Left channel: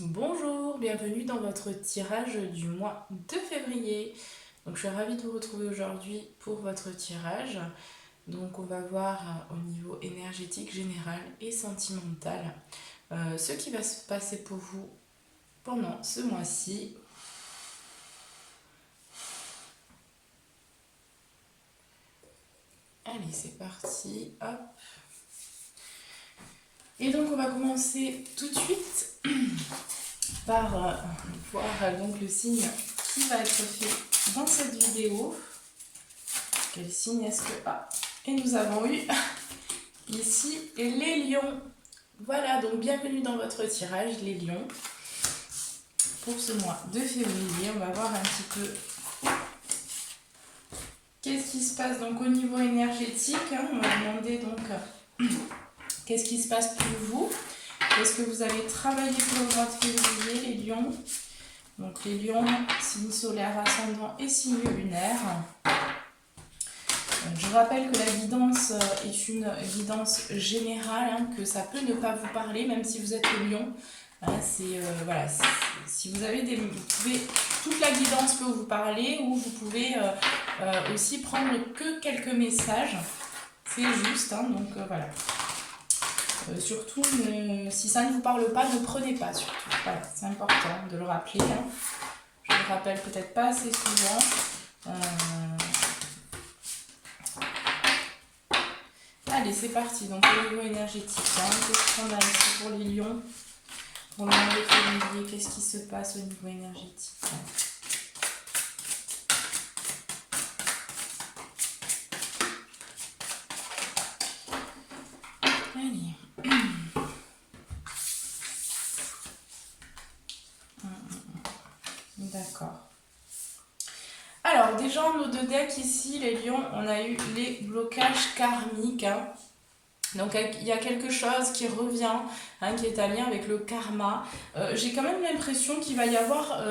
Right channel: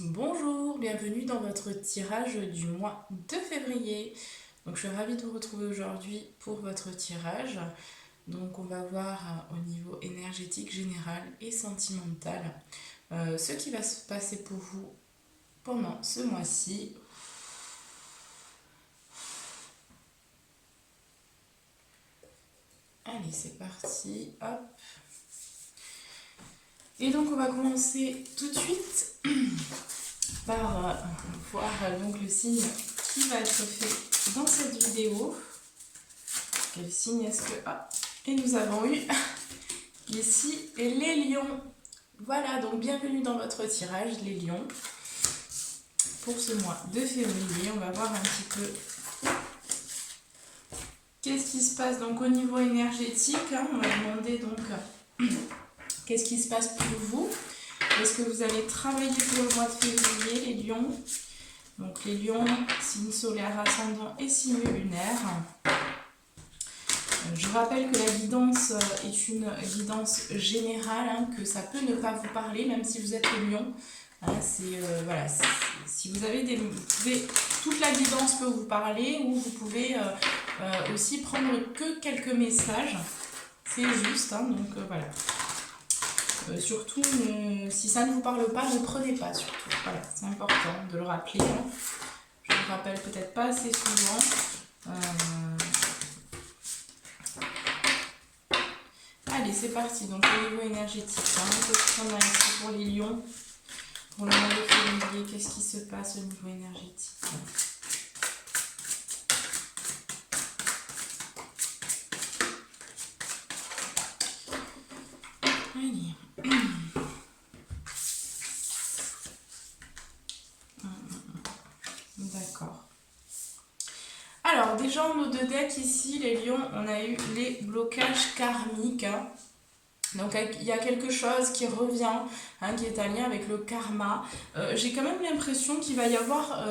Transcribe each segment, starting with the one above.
Bonjour, bienvenue dans votre tirage du mois de février. Donc je suis ravie de vous retrouver aujourd'hui pour votre tirage. Donc on va voir au niveau énergétique, général et sentimental ce qui va se passer pour vous pendant ce mois-ci. Allez, c'est parti. Hop. Et donc on va commencer tout de suite par voir donc le signe qui va être fait dans cette vidéo. Quel signe est-ce que... Ah, et nous avons eu ici les lions. Voilà, donc bienvenue dans votre tirage, les lions. Pour ce mois de février, on va voir un petit peu qu'est-ce qui se passe donc au niveau énergétique. On va demander donc qu'est-ce qui se passe pour vous. Est-ce que vous allez travailler pour le mois de février, les lions? Donc les lions, signe solaire ascendant et signe lunaire. Je rappelle que la guidance est une guidance générale, que ça peut ne pas vous parler, même si vous êtes lion. Voilà, si vous avez toute la guidance peut vous parler, ou vous pouvez aussi prendre que quelques messages. C'est juste, donc voilà. Surtout, si ça ne vous parle pas, ne prenez pas surtout. Voilà, c'est important de le rappeler. Je le rappelle peut-être pas assez souvent. Allez, c'est parti. Donc, au niveau énergétique, qu'est-ce qu'on a ici pour les lions? Pour le mois de février, qu'est-ce qui se passe au niveau énergétique? Allez. D'accord. Alors, déjà, en nos deux decks ici, les lions, on a eu les blocages karmiques. Donc il y a quelque chose qui revient, qui est en lien avec le karma. J'ai quand même l'impression qu'il va y avoir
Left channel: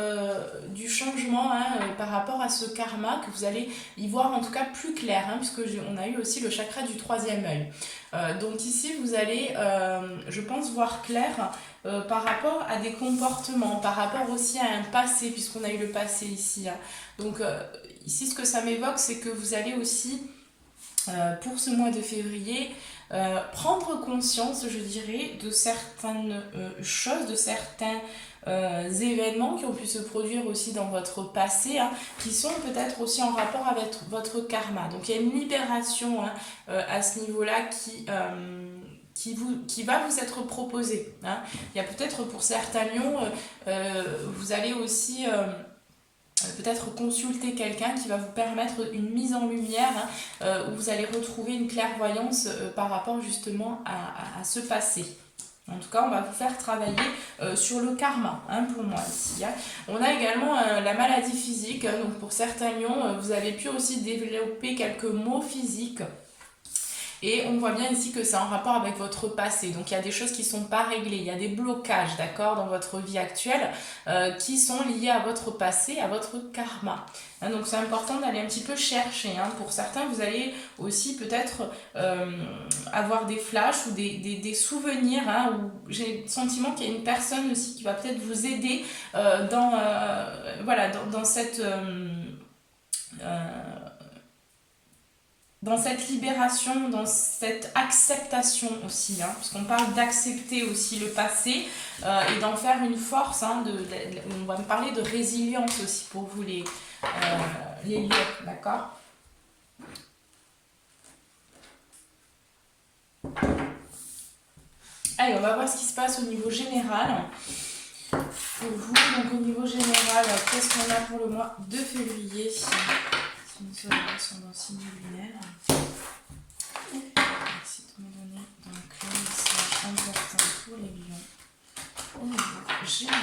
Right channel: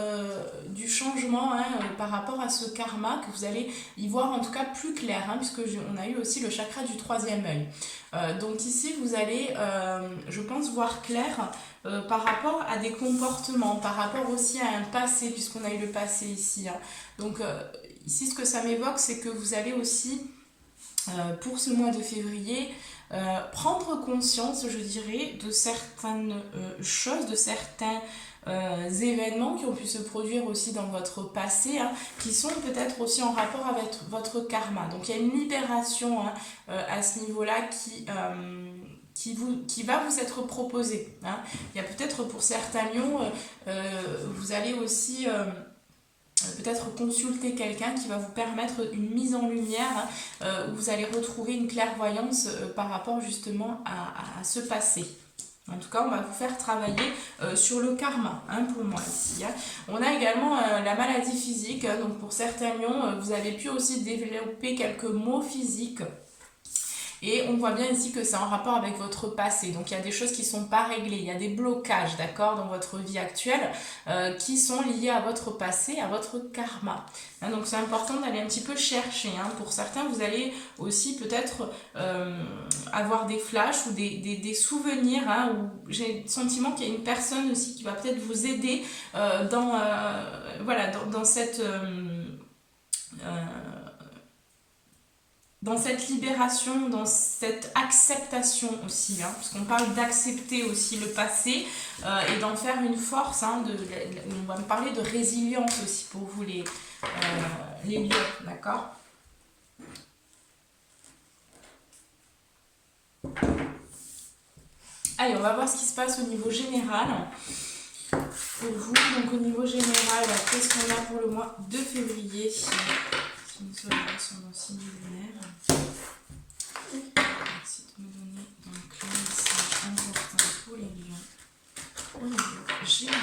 du changement par rapport à ce karma, que vous allez y voir en tout cas plus clair, puisque on a eu aussi le chakra du troisième œil. Donc ici vous allez, je pense, voir clair par rapport à des comportements, par rapport aussi à un passé, puisqu'on a eu le passé ici. Donc ici ce que ça m'évoque, c'est que vous allez aussi, pour ce mois de février, prendre conscience, je dirais, de certaines choses, de certains événements qui ont pu se produire aussi dans votre passé, qui sont peut-être aussi en rapport avec votre karma. Donc il y a une libération à ce niveau-là qui va vous être proposée. Il y a peut-être pour certains lions, vous allez aussi... peut-être consulter quelqu'un qui va vous permettre une mise en lumière, où vous allez retrouver une clairvoyance par rapport justement à ce passé. En tout cas, on va vous faire travailler sur le karma, pour moi ici. On a également la maladie physique, donc pour certains lions, vous avez pu aussi développer quelques maux physiques. Et on voit bien ici que c'est en rapport avec votre passé. Donc il y a des choses qui ne sont pas réglées, il y a des blocages, d'accord, dans votre vie actuelle qui sont liés à votre passé, à votre karma. Donc c'est important d'aller un petit peu chercher. Pour certains, vous allez aussi peut-être avoir des flashs ou des souvenirs, où j'ai le sentiment qu'il y a une personne aussi qui va peut-être vous aider dans cette... dans cette libération, dans cette acceptation aussi, parce qu'on parle d'accepter aussi le passé et d'en faire une force. On va me parler de résilience aussi pour vous les lions, d'accord? Allez, on va voir ce qui se passe au niveau général. Pour vous, donc au niveau général, qu'est-ce qu'on a pour le mois de février? Sur mon signe lunaire. Merci de me donner donc le message important pour les lions au niveau général.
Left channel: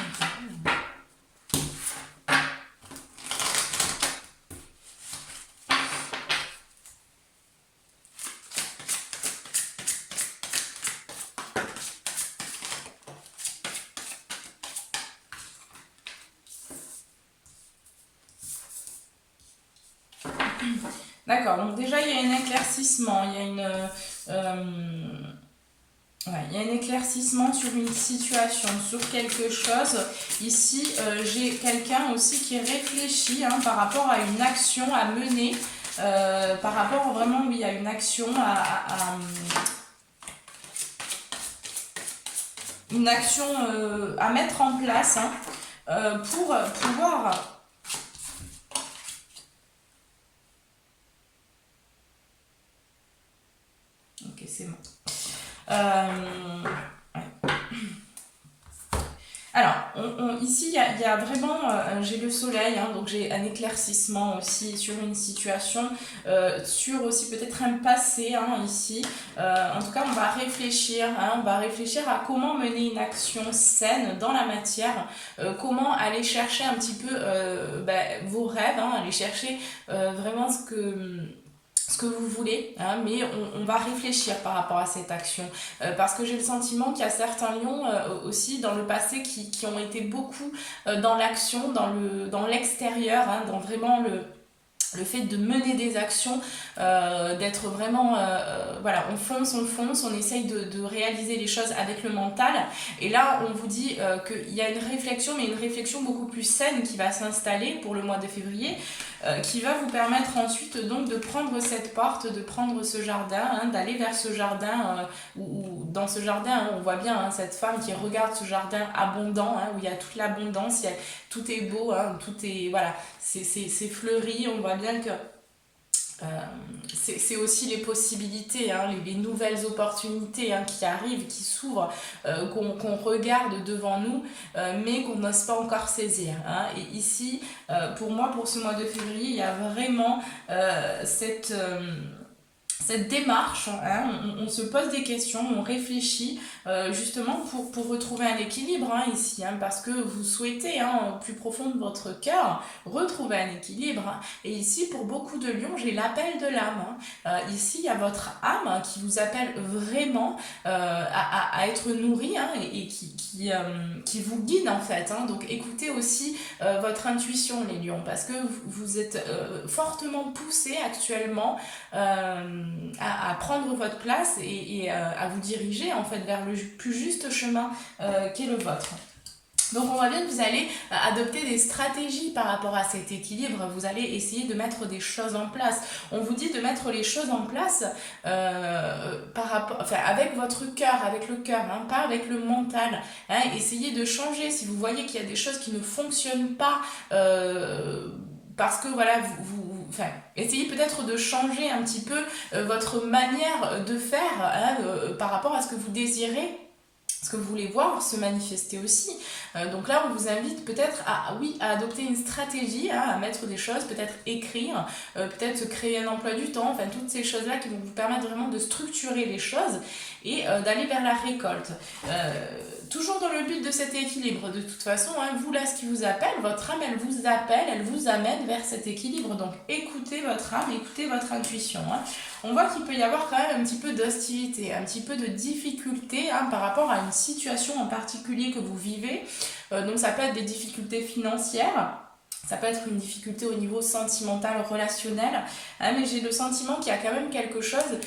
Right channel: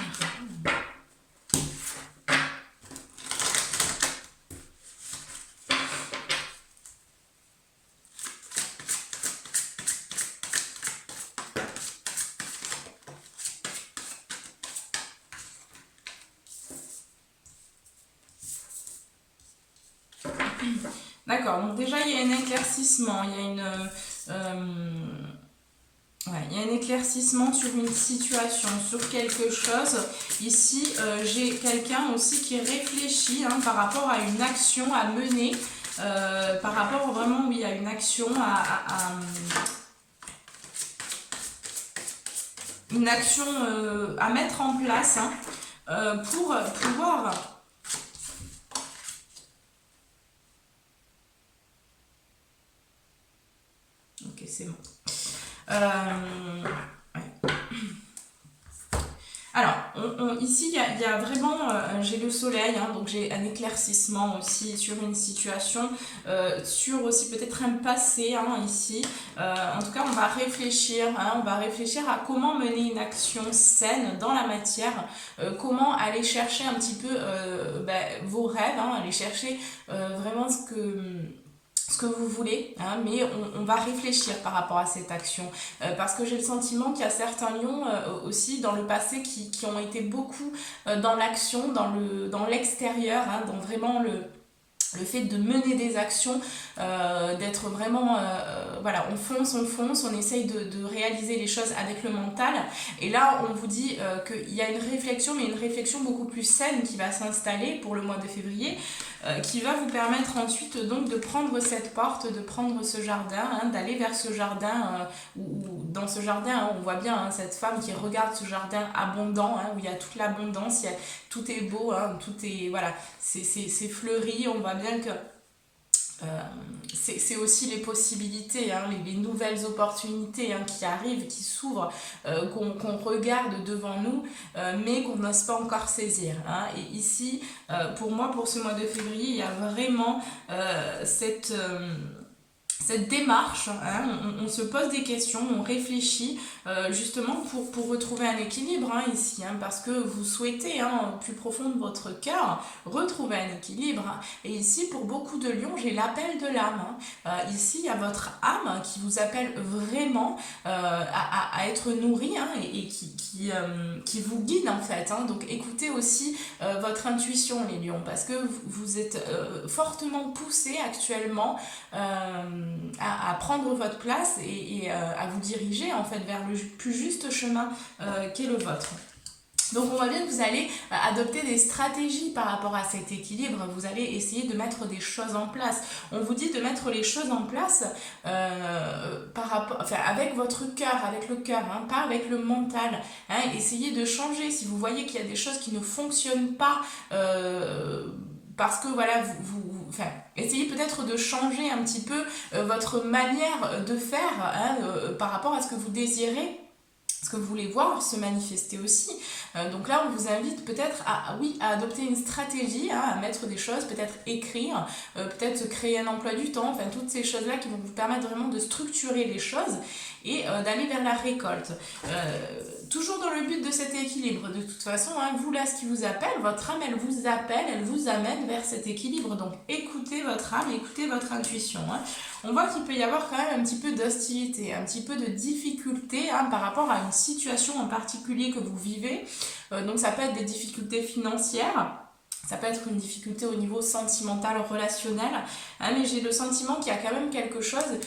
D'accord, donc déjà il y a un éclaircissement, il y a Ouais, il y a un éclaircissement sur une situation, sur quelque chose. Ici, j'ai quelqu'un aussi qui réfléchit par rapport à une action à mener, par rapport vraiment, oui, à une action une action à mettre en place pour pouvoir... Ok, c'est bon. Ouais. Alors, ici, il y a vraiment, j'ai le soleil, donc j'ai un éclaircissement aussi sur une situation, sur aussi peut-être un passé ici. En tout cas, on va réfléchir à comment mener une action saine dans la matière, comment aller chercher un petit peu vos rêves, aller chercher vraiment ce que vous voulez, mais on va réfléchir par rapport à cette action, parce que j'ai le sentiment qu'il y a certains lions aussi dans le passé qui ont été beaucoup dans l'action, dans l'extérieur, dans vraiment le fait de mener des actions, d'être vraiment, voilà, on fonce, on essaye de réaliser les choses avec le mental. Et là, on vous dit qu'il y a une réflexion, mais une réflexion beaucoup plus saine qui va s'installer pour le mois de février, qui va vous permettre ensuite donc de prendre cette porte, de prendre ce jardin, d'aller vers ce jardin, où dans ce jardin, on voit bien cette femme qui regarde ce jardin abondant, où il y a toute l'abondance, tout est beau, tout est, voilà, c'est fleuri, on voit bien que c'est aussi les possibilités, les nouvelles opportunités qui arrivent, qui s'ouvrent, qu'on regarde devant nous, mais qu'on n'ose pas encore saisir. Et ici, pour moi, pour ce mois de février, il y a vraiment cette démarche, on se pose des questions, on réfléchit justement pour retrouver un équilibre ici, parce que vous souhaitez au plus profond de votre cœur retrouver un équilibre. Et ici, pour beaucoup de lions, j'ai l'appel de l'âme. Ici, il y a votre âme qui vous appelle vraiment à être nourrie et qui vous guide en fait. Donc écoutez aussi votre intuition, les lions, parce que vous êtes fortement poussés actuellement à prendre votre place et à vous diriger en fait vers le plus juste chemin qu'est le vôtre. Donc on voit bien que vous allez adopter des stratégies par rapport à cet équilibre, vous allez essayer de mettre des choses en place. On vous dit de mettre les choses en place avec votre cœur, avec le cœur, pas avec le mental. Essayez de changer si vous voyez qu'il y a des choses qui ne fonctionnent pas parce que voilà, essayez peut-être de changer un petit peu votre manière de faire par rapport à ce que vous désirez, ce que vous voulez voir se manifester aussi. Donc là, on vous invite peut-être à adopter une stratégie, à mettre des choses, peut-être écrire, peut-être créer un emploi du temps, enfin toutes ces choses-là qui vont vous permettre vraiment de structurer les choses et d'aller vers la récolte. Toujours dans le but de cet équilibre, de toute façon, vous là, ce qui vous appelle, votre âme, elle vous appelle, elle vous amène vers cet équilibre. Donc écoutez votre âme, écoutez votre intuition. On voit qu'il peut y avoir quand même un petit peu d'hostilité, un petit peu de difficulté par rapport à une situation en particulier que vous vivez. Donc ça peut être des difficultés financières. Ça peut être une difficulté au niveau sentimental, relationnel, mais j'ai le sentiment qu'il y a quand même quelque chose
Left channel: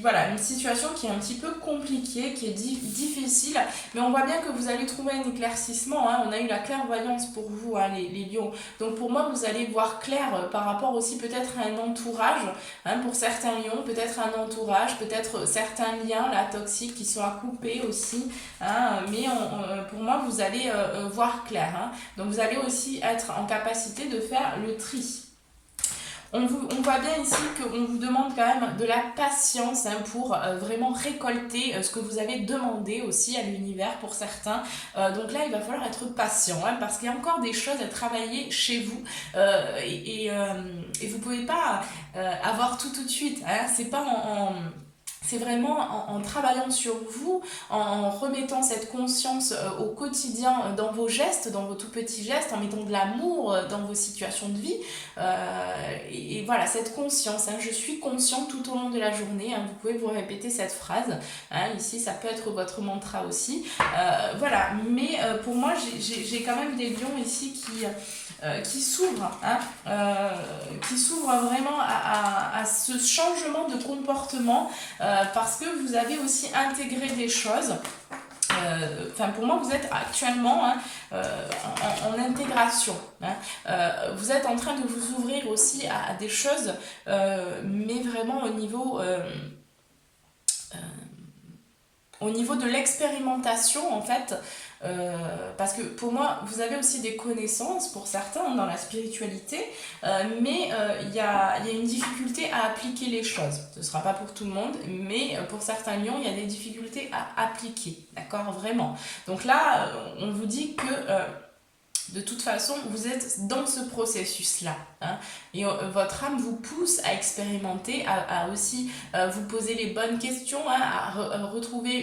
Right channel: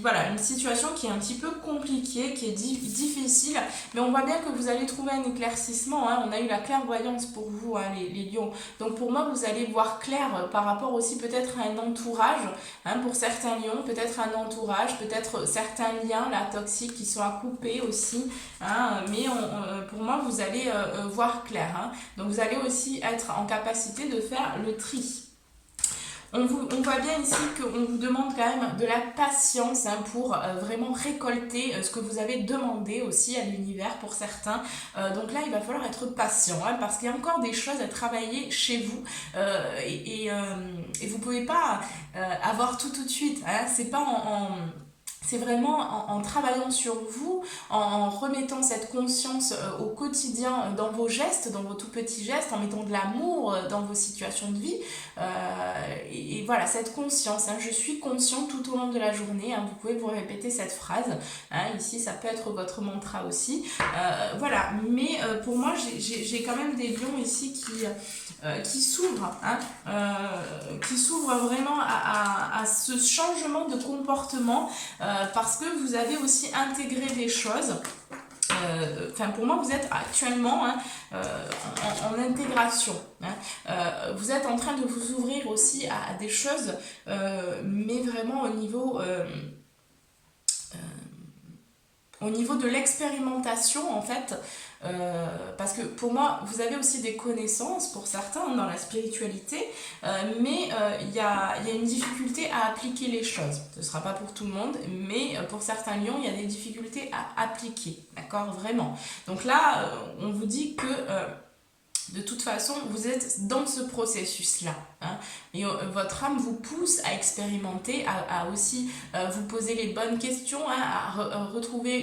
voilà, une situation qui est un petit peu compliquée, qui est difficile, mais on voit bien que vous allez trouver un éclaircissement. On a eu la clairvoyance pour vous, les lions. Donc pour moi, vous allez voir clair par rapport aussi peut-être à un entourage, pour certains lions, peut-être un entourage, peut-être certains liens là, toxiques qui sont à couper aussi, mais pour moi, vous allez voir clair. Donc vous allez aussi être en capacité de faire le tri. On voit bien ici qu'on vous demande quand même de la patience pour vraiment récolter ce que vous avez demandé aussi à l'univers pour certains. Donc là, il va falloir être patient parce qu'il y a encore des choses à travailler chez vous et vous ne pouvez pas avoir tout de suite. C'est pas c'est vraiment en travaillant sur vous, en remettant cette conscience au quotidien dans vos gestes, dans vos tout petits gestes, en mettant de l'amour dans vos situations de vie. Et voilà, cette conscience, je suis consciente tout au long de la journée. Vous pouvez vous répéter cette phrase. Ici, ça peut être votre mantra aussi. Voilà, mais pour moi, j'ai quand même des lions ici qui s'ouvrent vraiment à ce changement de comportement parce que vous avez aussi intégré des choses. Pour moi, vous êtes actuellement en intégration. Vous êtes en train de vous ouvrir aussi à des choses, mais vraiment au niveau de l'expérimentation, en fait. Parce que pour moi, vous avez aussi des connaissances pour certains dans la spiritualité, mais il y a une difficulté à appliquer les choses. Ce ne sera pas pour tout le monde, mais pour certains lions, il y a des difficultés à appliquer, d'accord, vraiment. Donc là, on vous dit que de toute façon, vous êtes dans ce processus-là. Et votre âme vous pousse à expérimenter, à aussi vous poser les bonnes questions, à retrouver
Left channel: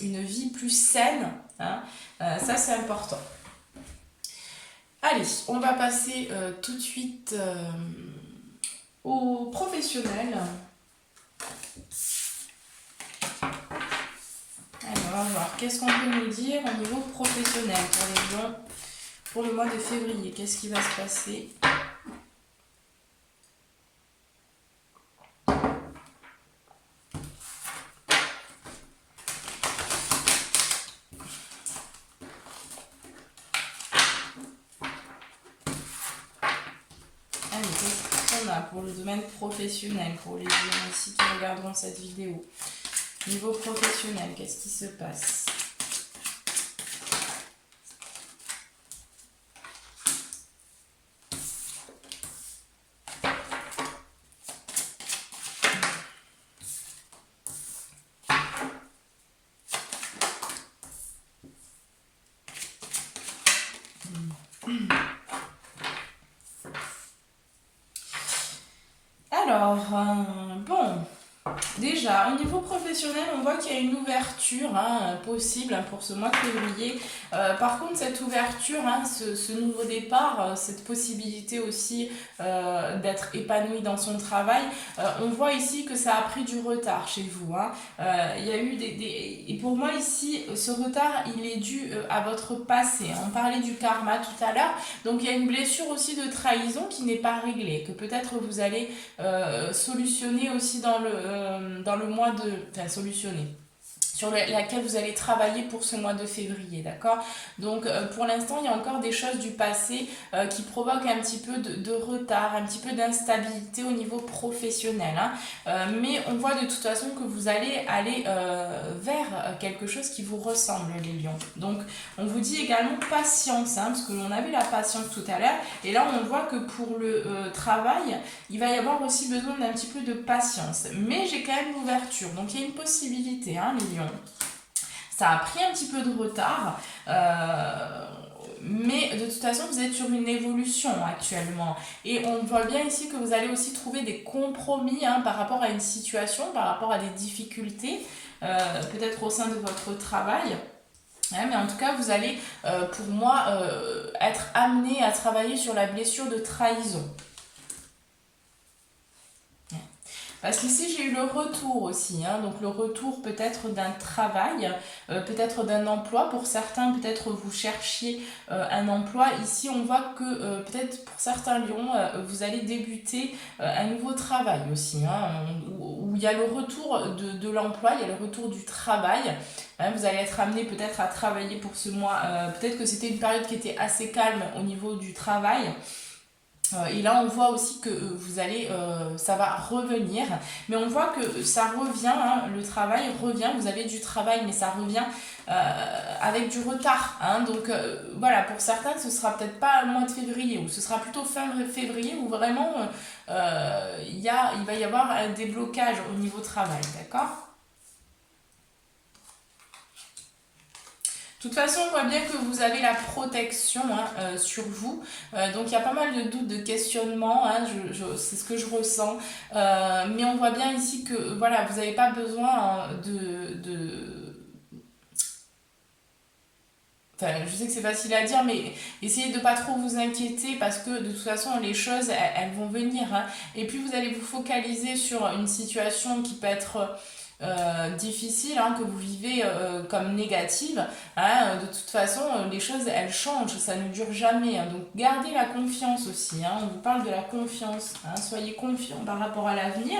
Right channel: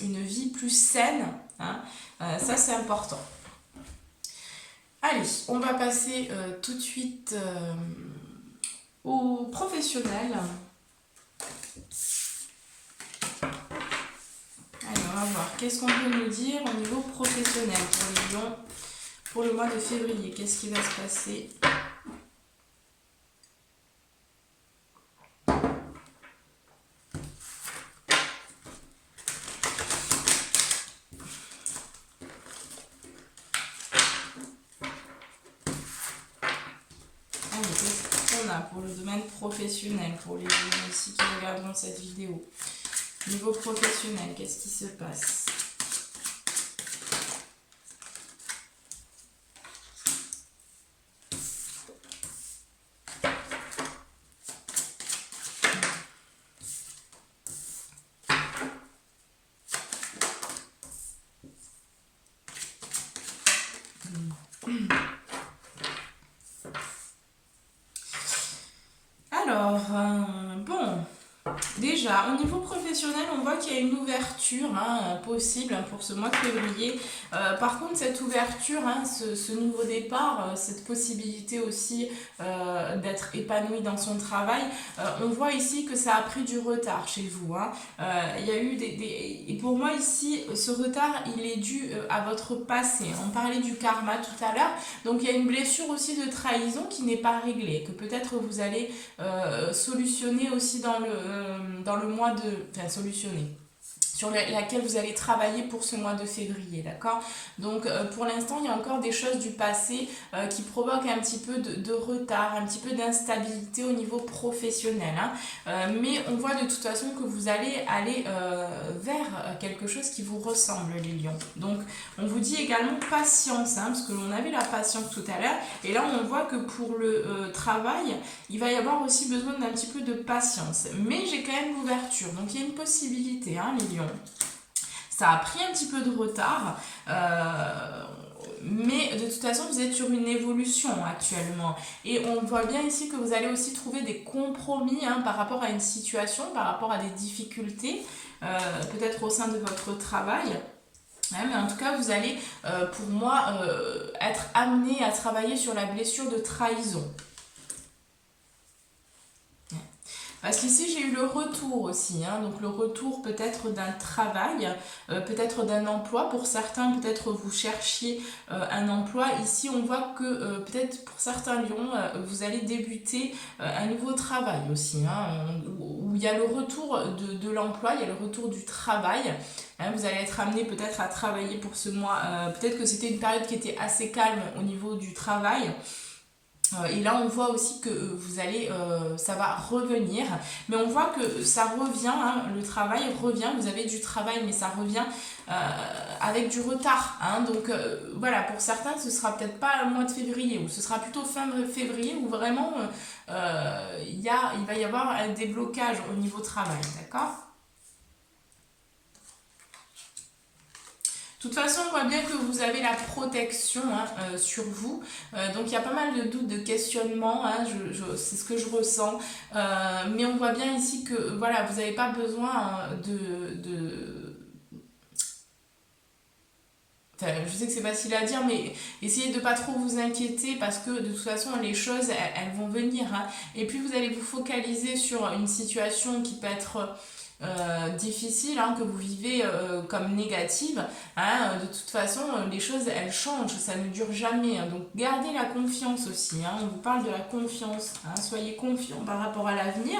une vie plus saine. Ça, c'est important. Allez, on va passer tout de suite aux professionnels. Allez, on va voir. Qu'est-ce qu'on peut nous dire au niveau professionnel pour les lions pour le mois de février? Qu'est-ce qui va se passer? Pour le domaine professionnel, pour les gens ici qui regarderont cette vidéo. Niveau professionnel, qu'est-ce qui se passe? Alors, bon, déjà, au niveau professionnel, on voit qu'il y a une ouverture possible pour ce mois de février. Par contre, cette ouverture, ce nouveau départ, cette possibilité aussi d'être épanoui dans son travail, on voit ici que ça a pris du retard chez vous. Il y a eu et pour moi ici, ce retard, il est dû à votre passé. On parlait du karma tout à l'heure, donc il y a une blessure aussi de trahison qui n'est pas réglée, que peut-être vous allez solutionner aussi dans le mois de... Enfin, solutionner. Sur laquelle vous allez travailler pour ce mois de février, d'accord? Donc pour l'instant, il y a encore des choses du passé qui provoquent un petit peu de retard, un petit peu d'instabilité au niveau professionnel. Mais on voit de toute façon que vous allez aller vers quelque chose qui vous ressemble, les lions. Donc on vous dit également patience, parce que l'on a vu la patience tout à l'heure, et là on voit que pour le travail, il va y avoir aussi besoin d'un petit peu de patience. Mais j'ai quand même l'ouverture, donc il y a une possibilité, les lions. Ça a pris un petit peu de retard, mais de toute façon vous êtes sur une évolution actuellement, et on voit bien ici que vous allez aussi trouver des compromis par rapport à une situation, par rapport à des difficultés, peut-être au sein de votre travail. Mais en tout cas, vous allez, pour moi, être amené à travailler sur la blessure de trahison. Parce qu'ici, j'ai eu le retour aussi, donc le retour peut-être d'un travail, peut-être d'un emploi. Pour certains, peut-être vous cherchiez un emploi. Ici, on voit que peut-être pour certains lions, vous allez débuter un nouveau travail aussi, où il y a le retour de l'emploi, il y a le retour du travail. Vous allez être amené peut-être à travailler pour ce mois. Peut-être que c'était une période qui était assez calme au niveau du travail. Et là on voit aussi que vous allez, ça va revenir, mais on voit que ça revient, le travail revient, vous avez du travail mais ça revient avec du retard, donc voilà, pour certains ce sera peut-être pas le mois de février, ou ce sera plutôt fin février où vraiment il va y avoir un déblocage au niveau travail, d'accord? De toute façon, on voit bien que vous avez la protection sur vous. Donc, il y a pas mal de doutes, de questionnements. C'est ce que je ressens. Mais on voit bien ici que voilà, vous n'avez pas besoin Enfin, je sais que c'est facile à dire, mais essayez de pas trop vous inquiéter, parce que de toute façon, les choses, elles vont venir. Et puis, vous allez vous focaliser sur une situation qui peut être... difficile, que vous vivez comme négative, de toute façon les choses elles changent, ça ne dure jamais, donc gardez la confiance aussi, on vous parle de la confiance, soyez confiants par rapport à l'avenir,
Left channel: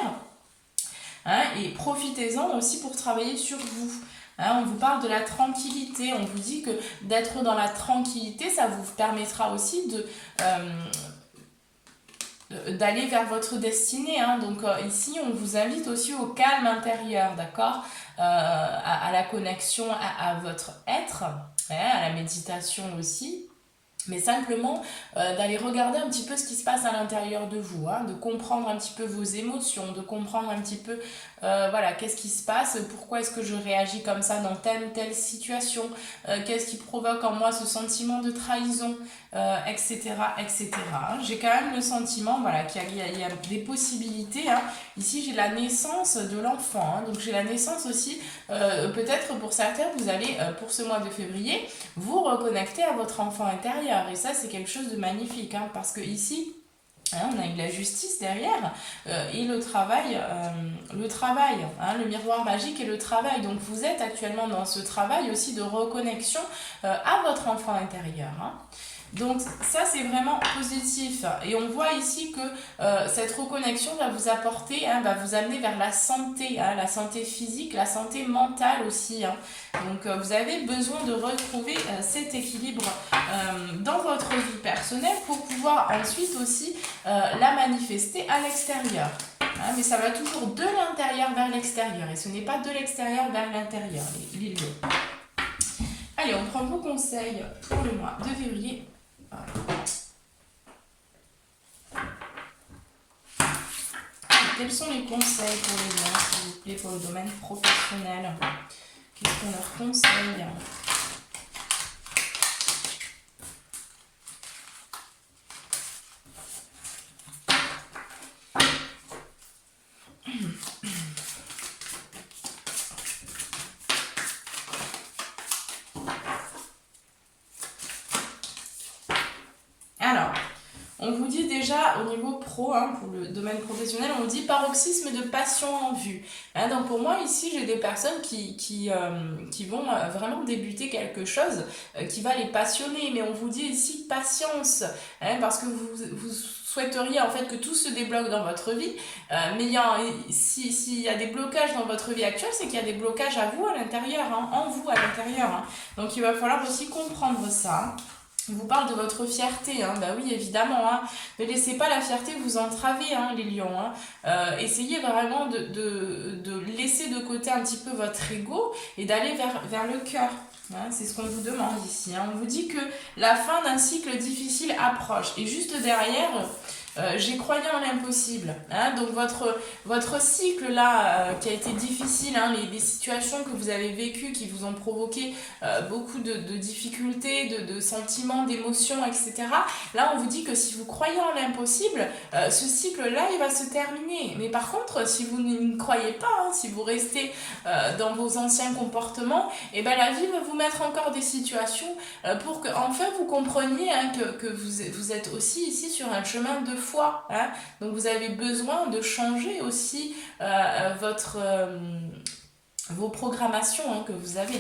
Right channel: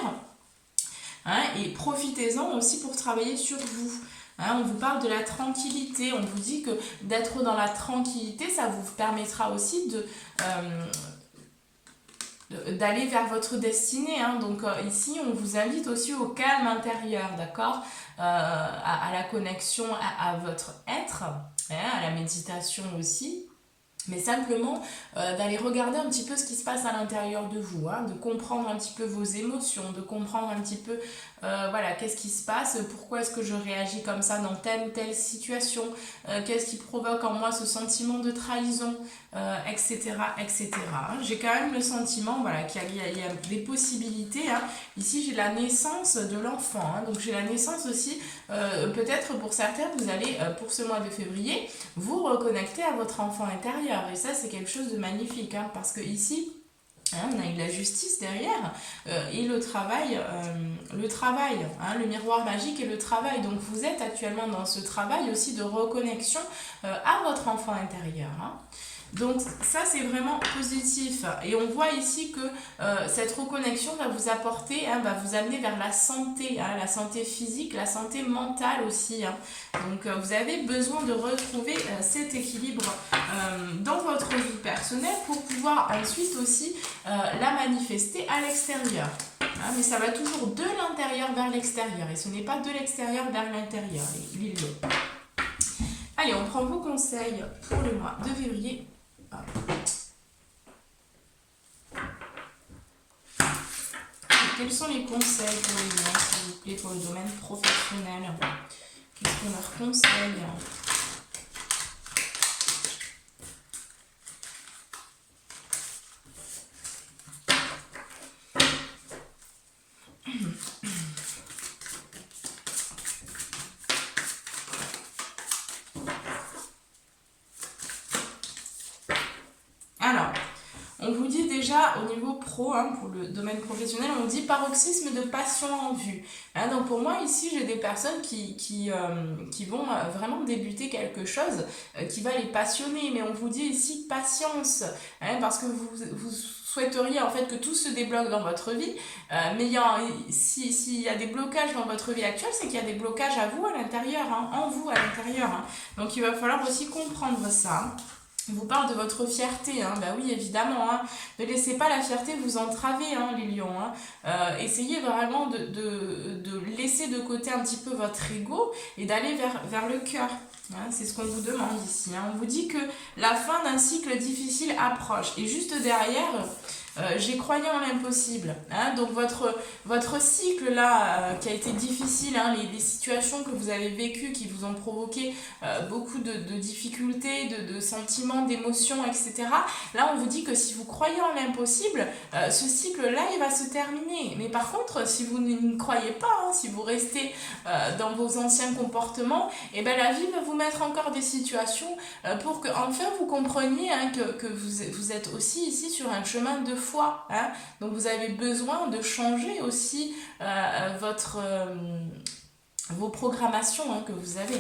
hein, et profitez-en aussi pour travailler sur vous. Hein, on vous parle de la tranquillité, on vous dit que d'être dans la tranquillité, ça vous permettra aussi d'aller vers votre destinée. Hein. Donc ici, on vous invite aussi au calme intérieur, d'accord, à la connexion à votre être, hein, à la méditation aussi. Mais simplement d'aller regarder un petit peu ce qui se passe à l'intérieur de vous, hein, de comprendre un petit peu vos émotions, de comprendre un petit peu voilà, qu'est-ce qui se passe, pourquoi est-ce que je réagis comme ça dans telle ou telle situation, qu'est-ce qui provoque en moi ce sentiment de trahison, etc. etc. J'ai quand même le sentiment voilà, qu'il y a des possibilités. Hein. Ici, j'ai la naissance de l'enfant, hein, donc j'ai la naissance aussi, peut-être pour certains, vous allez, pour ce mois de février, vous reconnecter à votre enfant intérieur. Et ça, c'est quelque chose de magnifique, hein, parce que ici, hein, on a eu la justice derrière et le travail, le miroir magique et le travail. Donc vous êtes actuellement dans ce travail aussi de reconnexion à votre enfant intérieur. Hein. Donc ça c'est vraiment positif et on voit ici que cette reconnexion va vous apporter, hein, va vous amener vers la santé physique, la santé mentale aussi. Hein. Donc vous avez besoin de retrouver cet équilibre dans votre vie personnelle pour pouvoir ensuite aussi la manifester à l'extérieur. Hein, mais ça va toujours de l'intérieur vers l'extérieur et ce n'est pas de l'extérieur vers l'intérieur, les lieux. Allez, on prend vos conseils pour le mois de février. Quels sont les conseils pour les gens, s'il vous plaît, pour le domaine professionnel? Qu'est-ce qu'on leur conseille? Alors, on vous dit déjà au niveau pro, hein, pour le domaine professionnel, on vous dit paroxysme de passion en vue. Hein, donc pour moi ici j'ai des personnes qui vont vraiment débuter quelque chose qui va les passionner, mais on vous dit ici patience, hein, parce que vous souhaiteriez en fait que tout se débloque dans votre vie, mais s'il y a des blocages dans votre vie actuelle, c'est qu'il y a des blocages à vous à l'intérieur, hein, en vous à l'intérieur. Hein. Donc il va falloir aussi comprendre ça. Hein. Il vous parle de votre fierté, hein. Bah oui, évidemment, hein. Ne laissez pas la fierté vous entraver, hein, les lions. Hein. Essayez vraiment de laisser de côté un petit peu votre ego et d'aller vers le cœur. Hein, c'est ce qu'on vous demande ici. Hein. On vous dit que la fin d'un cycle difficile approche. Et juste derrière, j'ai croyant en l'impossible. Hein. Donc votre cycle là qui a été difficile, hein, les situations que vous avez vécues qui vous ont provoqué beaucoup de difficultés, de sentiments, d'émotions, etc. Là on vous dit que si vous croyez en l'impossible, ce cycle là il va se terminer. Mais par contre si vous ne croyez pas, hein, si vous restez dans vos anciens comportements, et ben la vie va vous mettre encore des situations pour que enfin vous compreniez, hein, que vous êtes aussi ici sur un chemin de foi. Hein. Donc vous avez besoin de changer aussi vos programmations, hein, que vous avez.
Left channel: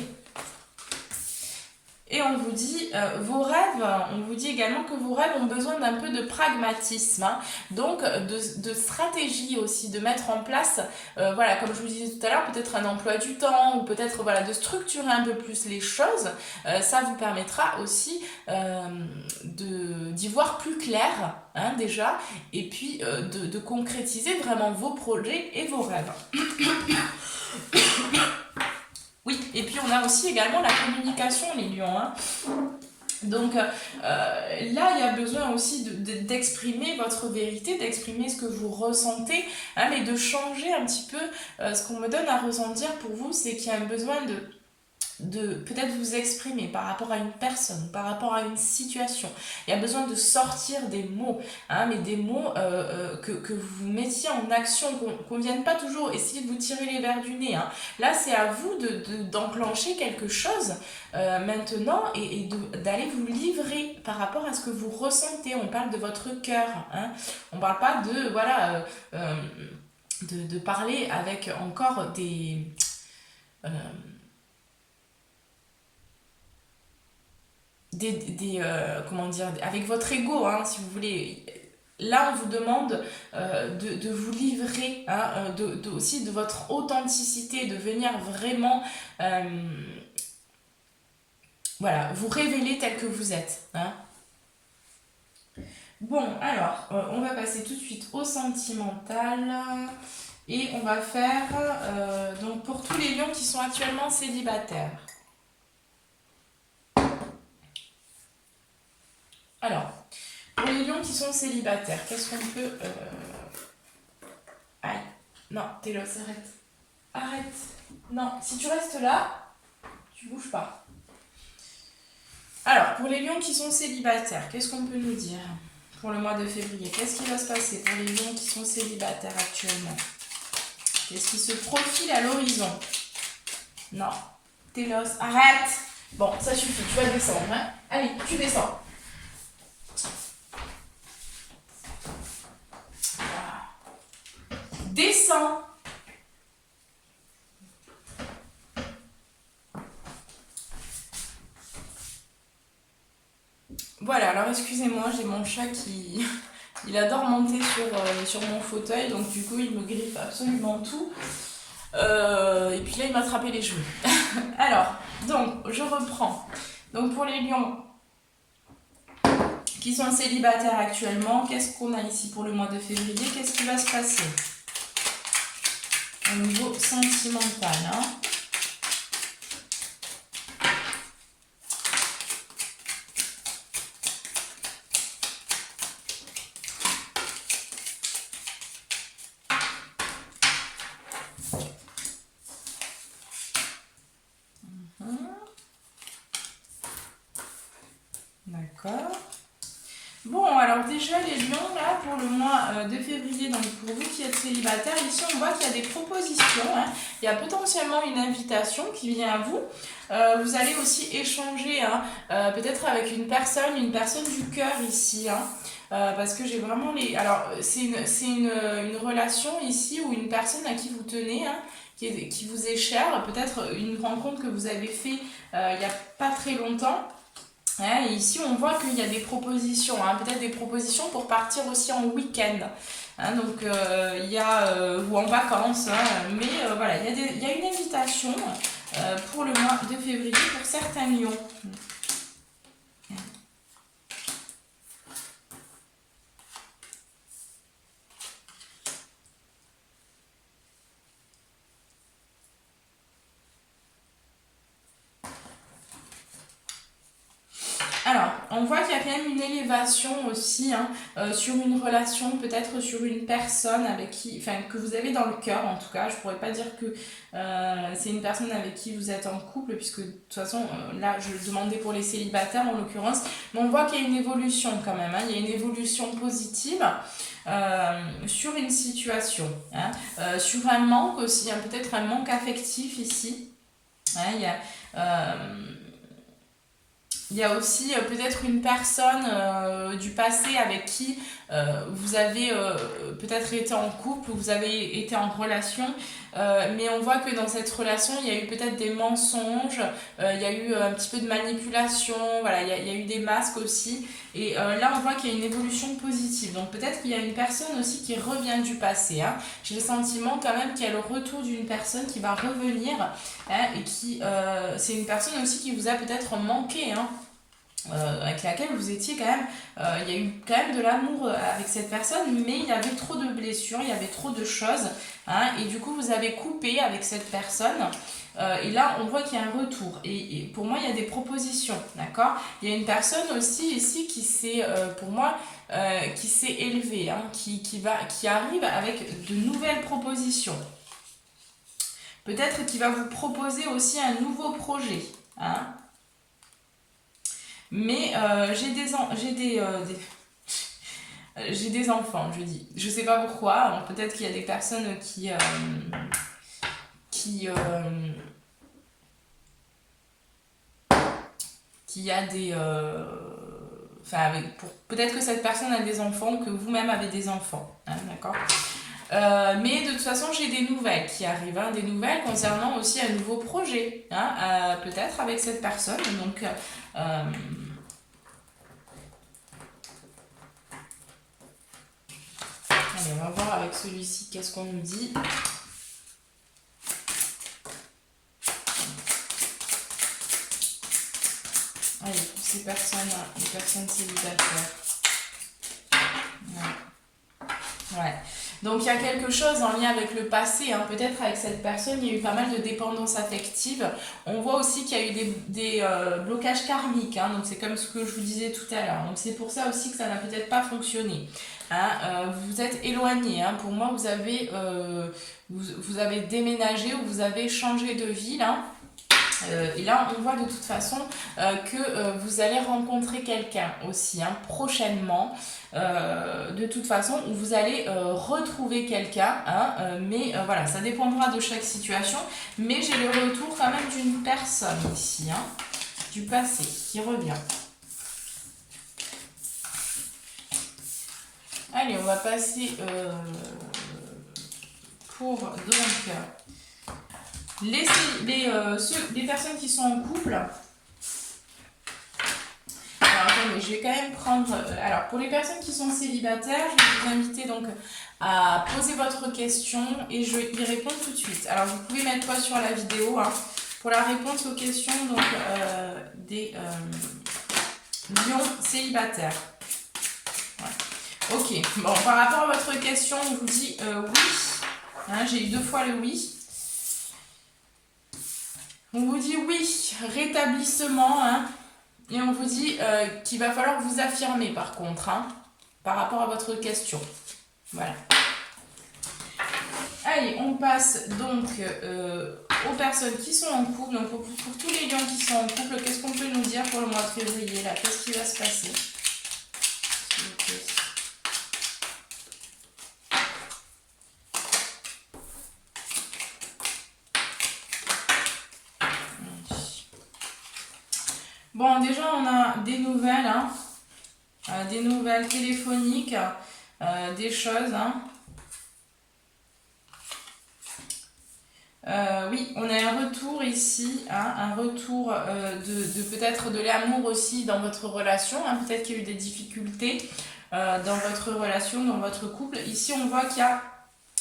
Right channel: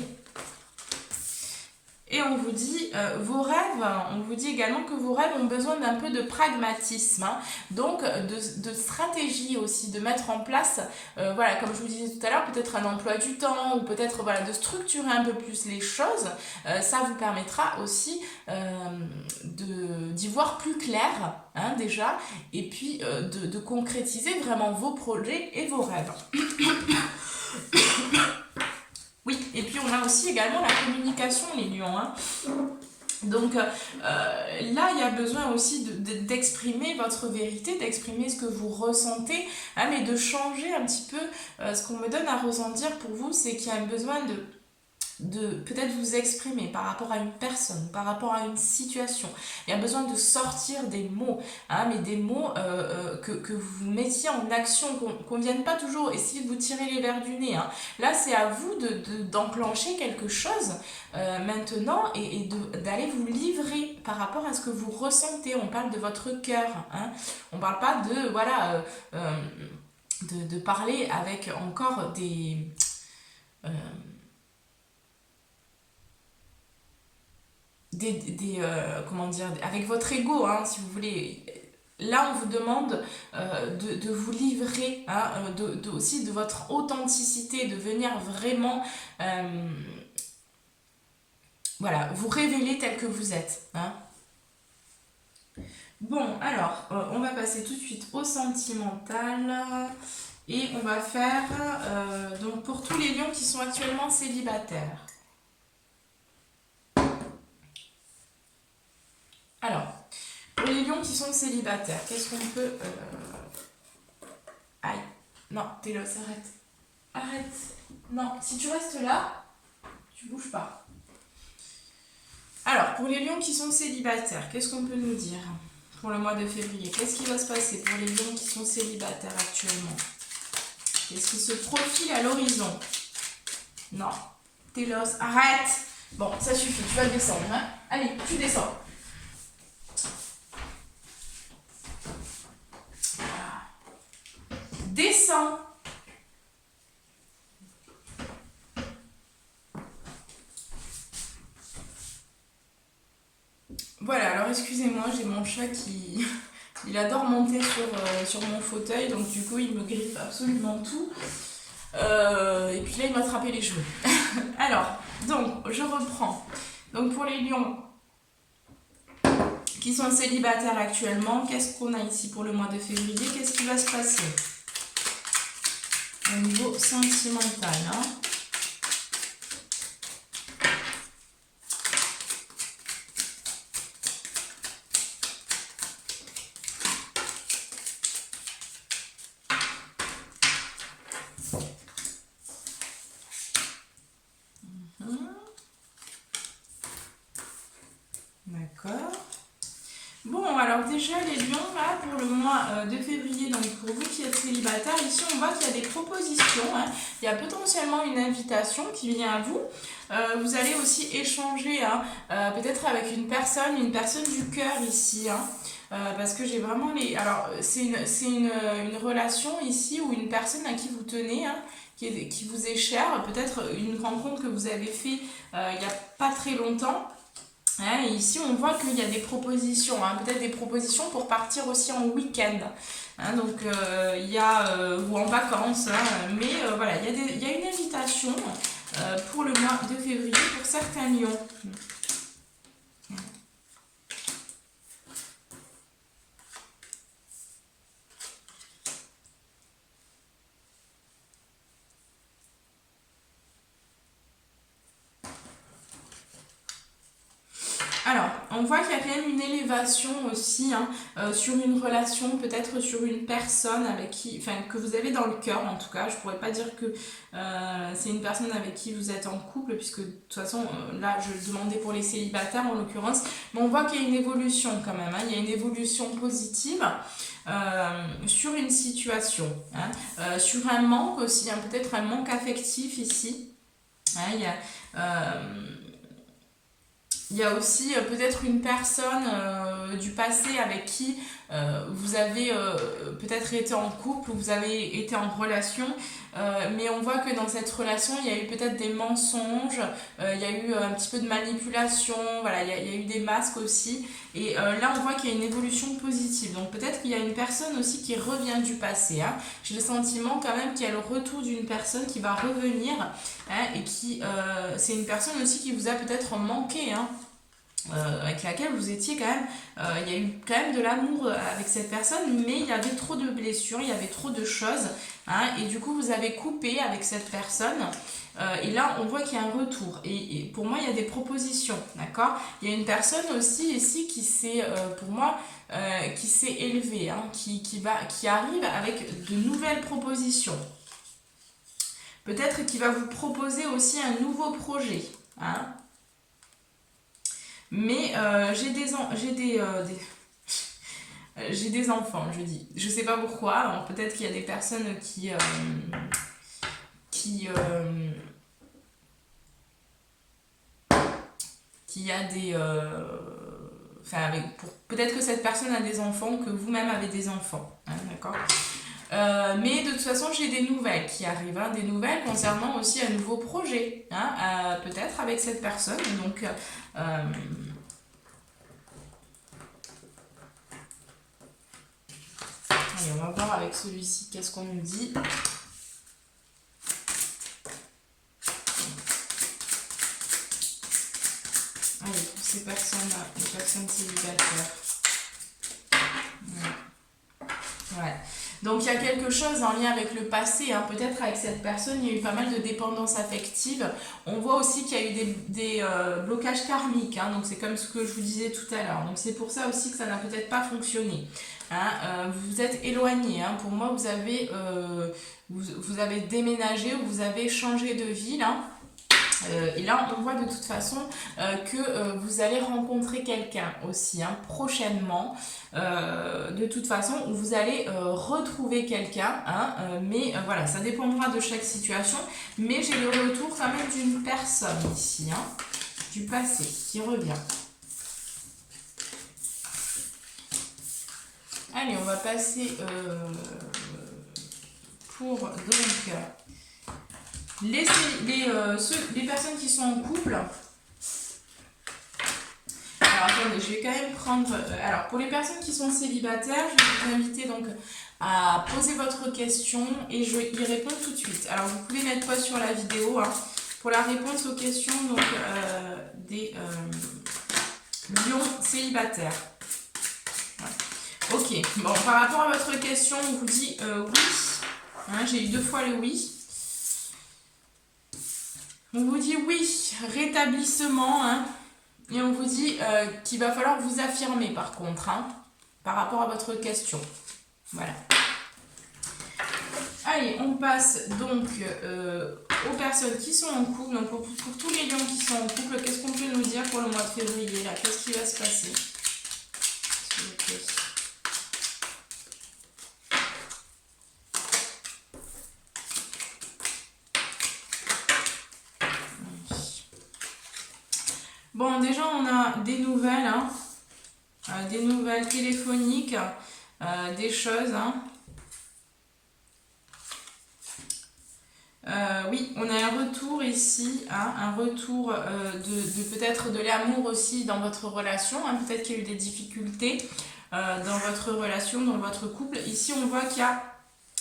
Et on vous dit, vos rêves, on vous dit également que vos rêves ont besoin d'un peu de pragmatisme, hein, donc de stratégie aussi, de mettre en place, voilà, comme je vous disais tout à l'heure, peut-être un emploi du temps, ou peut-être voilà, de structurer un peu plus les choses. Ça vous permettra aussi d'y voir plus clair, hein, déjà, et puis de concrétiser vraiment vos projets et vos rêves. Oui, et puis on a aussi également la communication, les lions. Hein. Donc là, il y a besoin aussi d'exprimer votre vérité, d'exprimer ce que vous ressentez, hein, mais de changer un petit peu. Ce qu'on me donne à ressentir pour vous, c'est qu'il y a un besoin de peut-être vous exprimer par rapport à une personne, par rapport à une situation. Il y a besoin de sortir des mots, hein, mais des mots que vous mettiez en action, qu'on ne vienne pas toujours essayer de vous tirer les verres du nez. Hein. Là, c'est à vous d'enclencher quelque chose maintenant et d'aller vous livrer par rapport à ce que vous ressentez. On parle de votre cœur. Hein. On ne parle pas de parler avec encore des... comment dire, avec votre ego, hein, si vous voulez. là, on vous demande de vous livrer, hein, aussi de votre authenticité, de venir vraiment voilà, vous révéler tel que vous êtes. Hein. Bon, alors, on va passer tout de suite au sentimental. Et on va faire, donc pour tous les lions qui sont actuellement célibataires. Alors, pour les lions qui sont célibataires, qu'est-ce qu'on peut... Aïe, non, Télos, arrête. Arrête. Non, si tu restes là, tu bouges pas. Alors, pour les lions qui sont célibataires, qu'est-ce qu'on peut nous dire pour le mois de février? Qu'est-ce qui va se passer pour les lions qui sont célibataires actuellement? Qu'est-ce qui se profile à l'horizon? Non. Télos, arrête. Bon, ça suffit, tu vas descendre. Hein. Allez, tu descends. Descends. Voilà, alors excusez-moi, j'ai mon chat qui... Il adore monter sur mon fauteuil, donc du coup il me griffe absolument tout. Et puis là il m'a attrapé les cheveux. Alors, donc je reprends. Donc pour les lions qui sont célibataires actuellement, qu'est-ce qu'on a ici pour le mois de février? Qu'est-ce qui va se passer au niveau sentimental, hein? D'accord. Bon, alors déjà les lions, là, pour le mois de février, donc pour vous qui êtes célibataire, ici on voit qu'il y a des propositions, hein. Il y a potentiellement une invitation qui vient à vous. Vous allez aussi échanger, hein, peut-être avec une personne du cœur ici, hein, parce que j'ai vraiment les... Alors, c'est une relation ici ou une personne à qui vous tenez, hein, qui vous est chère, peut-être une rencontre que vous avez fait il n'y a pas très longtemps. Hein, et ici, on voit qu'il y a des propositions, hein, peut-être des propositions pour partir aussi en week-end. Hein, donc, il y a, ou en vacances, hein, mais voilà, il y a une invitation pour le mois de février pour certains lions. Alors, on voit qu'il y a quand même une élévation aussi, hein, sur une relation, peut-être sur une personne avec qui, enfin, que vous avez dans le cœur en tout cas. Je pourrais pas dire que c'est une personne avec qui vous êtes en couple, puisque de toute façon, là, je demandais pour les célibataires en l'occurrence, mais on voit qu'il y a une évolution quand même, hein, il y a une évolution positive. Sur une situation, hein, sur un manque aussi, hein, peut-être un manque affectif ici. Hein, il y a aussi peut-être une personne du passé avec qui vous avez peut-être été en couple, vous avez été en relation, mais on voit que dans cette relation, il y a eu peut-être des mensonges, il y a eu un petit peu de manipulation, voilà, il y a eu des masques aussi. Et là, on voit qu'il y a une évolution positive. Donc peut-être qu'il y a une personne aussi qui revient du passé. Hein. J'ai le sentiment quand même qu'il y a le retour d'une personne qui va revenir, hein, et qui c'est une personne aussi qui vous a peut-être manqué, hein. Avec laquelle vous étiez quand même, il y a eu quand même de l'amour avec cette personne, mais il y avait trop de blessures, il y avait trop de choses, hein, et du coup vous avez coupé avec cette personne, et là on voit qu'il y a un retour, et pour moi il y a des propositions, d'accord. Il y a une personne aussi ici qui s'est, pour moi, qui s'est élevée, hein, qui arrive avec de nouvelles propositions, peut-être qu'il va vous proposer aussi un nouveau projet, hein. Mais j'ai des enfants, je dis. Je sais pas pourquoi. Peut-être qu'il y a des personnes qui a des... Enfin, peut-être que cette personne a des enfants, que vous-même avez des enfants. Hein, d'accord. Mais de toute façon, j'ai des nouvelles qui arrivent, hein, des nouvelles concernant aussi un nouveau projet, hein, peut-être avec cette personne. Donc, Allez, on va voir avec celui-ci qu'est-ce qu'on nous dit. Allez, pour ces personnes-là, les personnes célibataires. Ouais. Donc il y a quelque chose en lien avec le passé, hein. Peut-être avec cette personne, il y a eu pas mal de dépendance affective. On voit aussi qu'il y a eu des blocages karmiques, hein. Donc c'est comme ce que je vous disais tout à l'heure. Donc c'est pour ça aussi que ça n'a peut-être pas fonctionné. Hein. Vous êtes éloigné. Hein. Pour moi, vous avez déménagé ou vous avez changé de ville. Hein. Et là, on voit de toute façon que vous allez rencontrer quelqu'un aussi, hein, prochainement, de toute façon, où vous allez retrouver quelqu'un, hein, mais voilà, ça dépendra de chaque situation, mais j'ai le retour quand même d'une personne ici, hein, du passé, qui revient. Allez, on va passer pour donc... Les personnes qui sont en couple. Alors attendez, je vais quand même prendre... alors pour les personnes qui sont célibataires, je vais vous inviter donc à poser votre question et je y réponds tout de suite. Alors vous pouvez mettre pause sur la vidéo, hein, pour la réponse aux questions donc, des lions célibataires. Ouais. Ok, bon, par rapport à votre question, on vous dit oui. Hein, j'ai eu 2 fois le oui. On vous dit oui, rétablissement, hein, et on vous dit qu'il va falloir vous affirmer par contre, hein, par rapport à votre question. Voilà. Allez, on passe donc aux personnes qui sont en couple. Donc pour tous les lions qui sont en couple, qu'est-ce qu'on peut nous dire pour le mois de février là? Qu'est-ce qui va se passer? Bon, déjà, on a des nouvelles, hein, des nouvelles téléphoniques, des choses. Hein. Oui, on a un retour ici, hein, un retour de peut-être de l'amour aussi dans votre relation. Hein, peut-être qu'il y a eu des difficultés dans votre relation, dans votre couple. Ici, on voit qu'il y a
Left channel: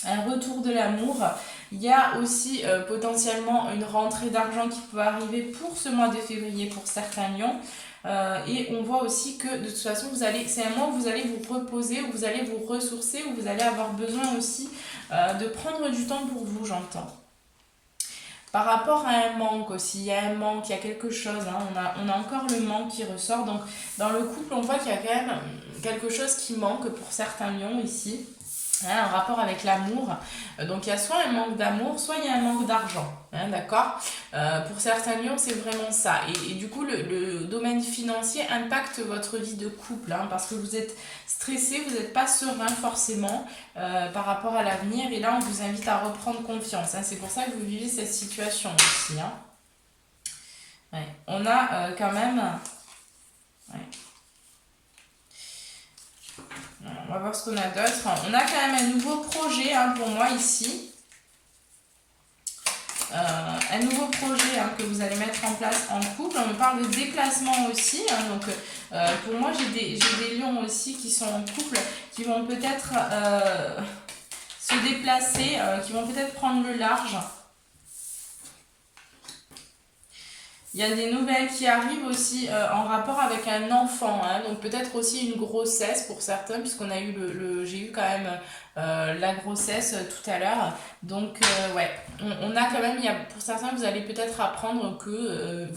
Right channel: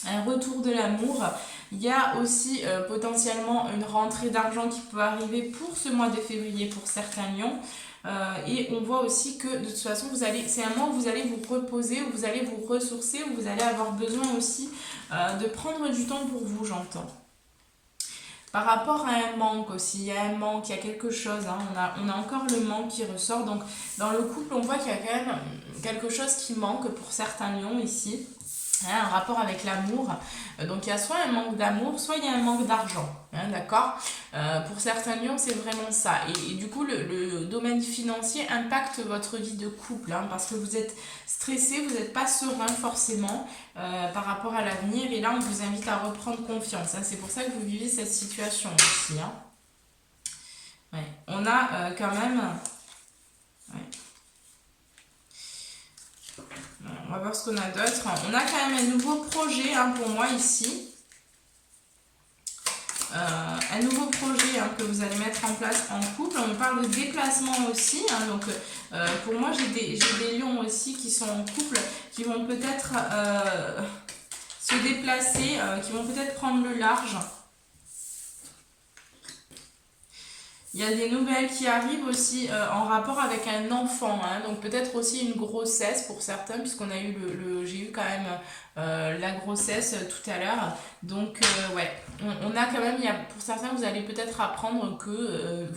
un retour de l'amour. Il y a aussi potentiellement une rentrée d'argent qui peut arriver pour ce mois de février pour certains lions. Et on voit aussi que de toute façon, c'est un mois où vous allez vous reposer, où vous allez vous ressourcer, où vous allez avoir besoin aussi de prendre du temps pour vous, j'entends. Par rapport à un manque aussi, il y a un manque, il y a quelque chose, hein, on a encore le manque qui ressort. Donc dans le couple, on voit qu'il y a quand même quelque chose qui manque pour certains lions ici. Hein, un rapport avec l'amour. Donc il y a soit un manque d'amour, soit il y a un manque d'argent. Hein, d'accord, pour certains lions, c'est vraiment ça. Et du coup, le domaine financier impacte votre vie de couple, hein, parce que vous êtes stressé, vous n'êtes pas serein forcément par rapport à l'avenir. Et là, on vous invite à reprendre confiance. Hein, c'est pour ça que vous vivez cette situation aussi. Hein. Ouais. On a quand même... Ouais. On va voir ce qu'on a d'autre. On a quand même un nouveau projet, hein, pour moi ici. Un nouveau projet, hein, que vous allez mettre en place en couple. On me parle de déplacement aussi. Hein, donc pour moi, j'ai des lions aussi qui sont en couple, qui vont peut-être se déplacer, qui vont peut-être prendre le large. Il y a des nouvelles qui arrivent aussi en rapport avec un enfant, hein, donc peut-être aussi une grossesse pour certains, puisqu'on a eu j'ai eu quand même la grossesse tout à l'heure. Donc ouais, on a quand même, pour certains, vous allez peut-être apprendre que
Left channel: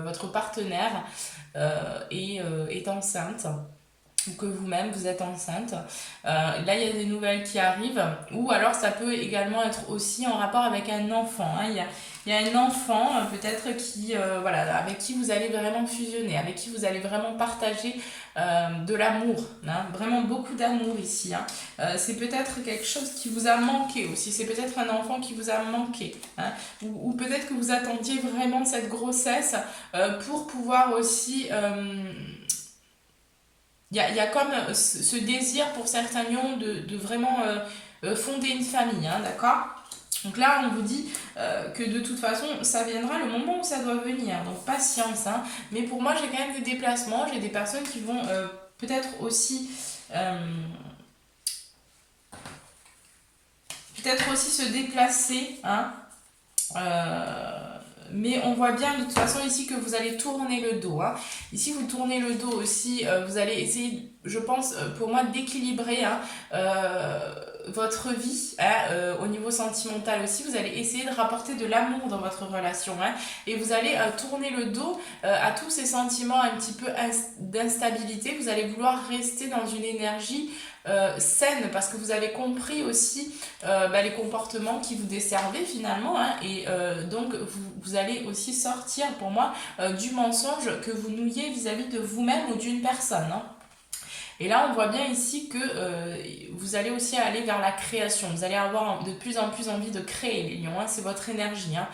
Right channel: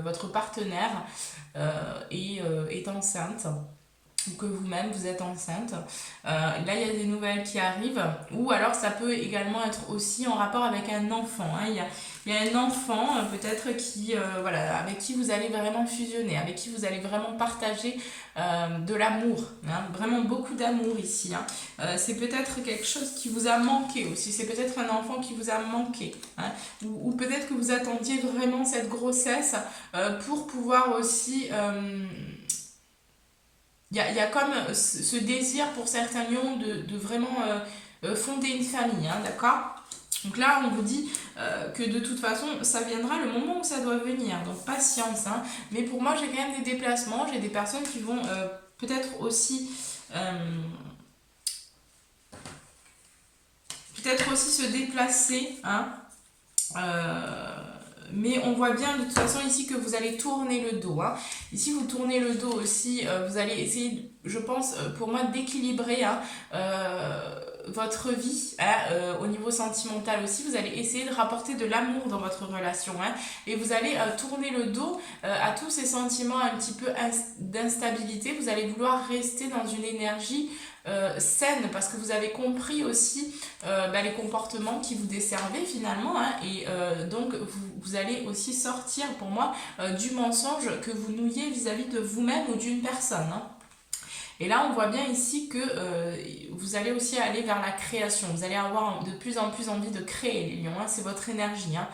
votre partenaire est enceinte. Ou que vous-même vous êtes enceinte. Là, il y a des nouvelles qui arrivent. Ou alors, ça peut également être aussi en rapport avec un enfant. Hein. Il y a un enfant, peut-être, voilà, avec qui vous allez vraiment fusionner, avec qui vous allez vraiment partager de l'amour. Hein. Vraiment beaucoup d'amour ici. Hein. C'est peut-être quelque chose qui vous a manqué aussi. C'est peut-être un enfant qui vous a manqué. Hein. Ou peut-être que vous attendiez vraiment cette grossesse pour pouvoir aussi... Il y a comme ce désir pour certains lions de vraiment fonder une famille, hein, d'accord? Donc là, on vous dit que de toute façon, ça viendra le moment où ça doit venir. Donc patience, hein. Mais pour moi, j'ai quand même des déplacements. J'ai des personnes qui vont peut-être aussi peut-être aussi se déplacer, hein. Mais on voit bien de toute façon ici que vous allez tourner le dos, hein. Ici vous tournez le dos aussi, vous allez essayer, je pense, pour moi, d'équilibrer, hein, votre vie, hein, au niveau sentimental aussi. Vous allez essayer de rapporter de l'amour dans votre relation, hein, et vous allez tourner le dos à tous ces sentiments un petit peu d'instabilité. Vous allez vouloir rester dans une énergie saine, parce que vous avez compris aussi les comportements qui vous desservaient finalement, hein, et donc vous allez aussi sortir pour moi du mensonge que vous nouiez vis-à-vis de vous-même ou d'une personne, hein. Et là, on voit bien ici que vous allez aussi aller vers la création. Vous allez avoir de plus en plus envie de créer, les lions, hein. C'est votre énergie, hein,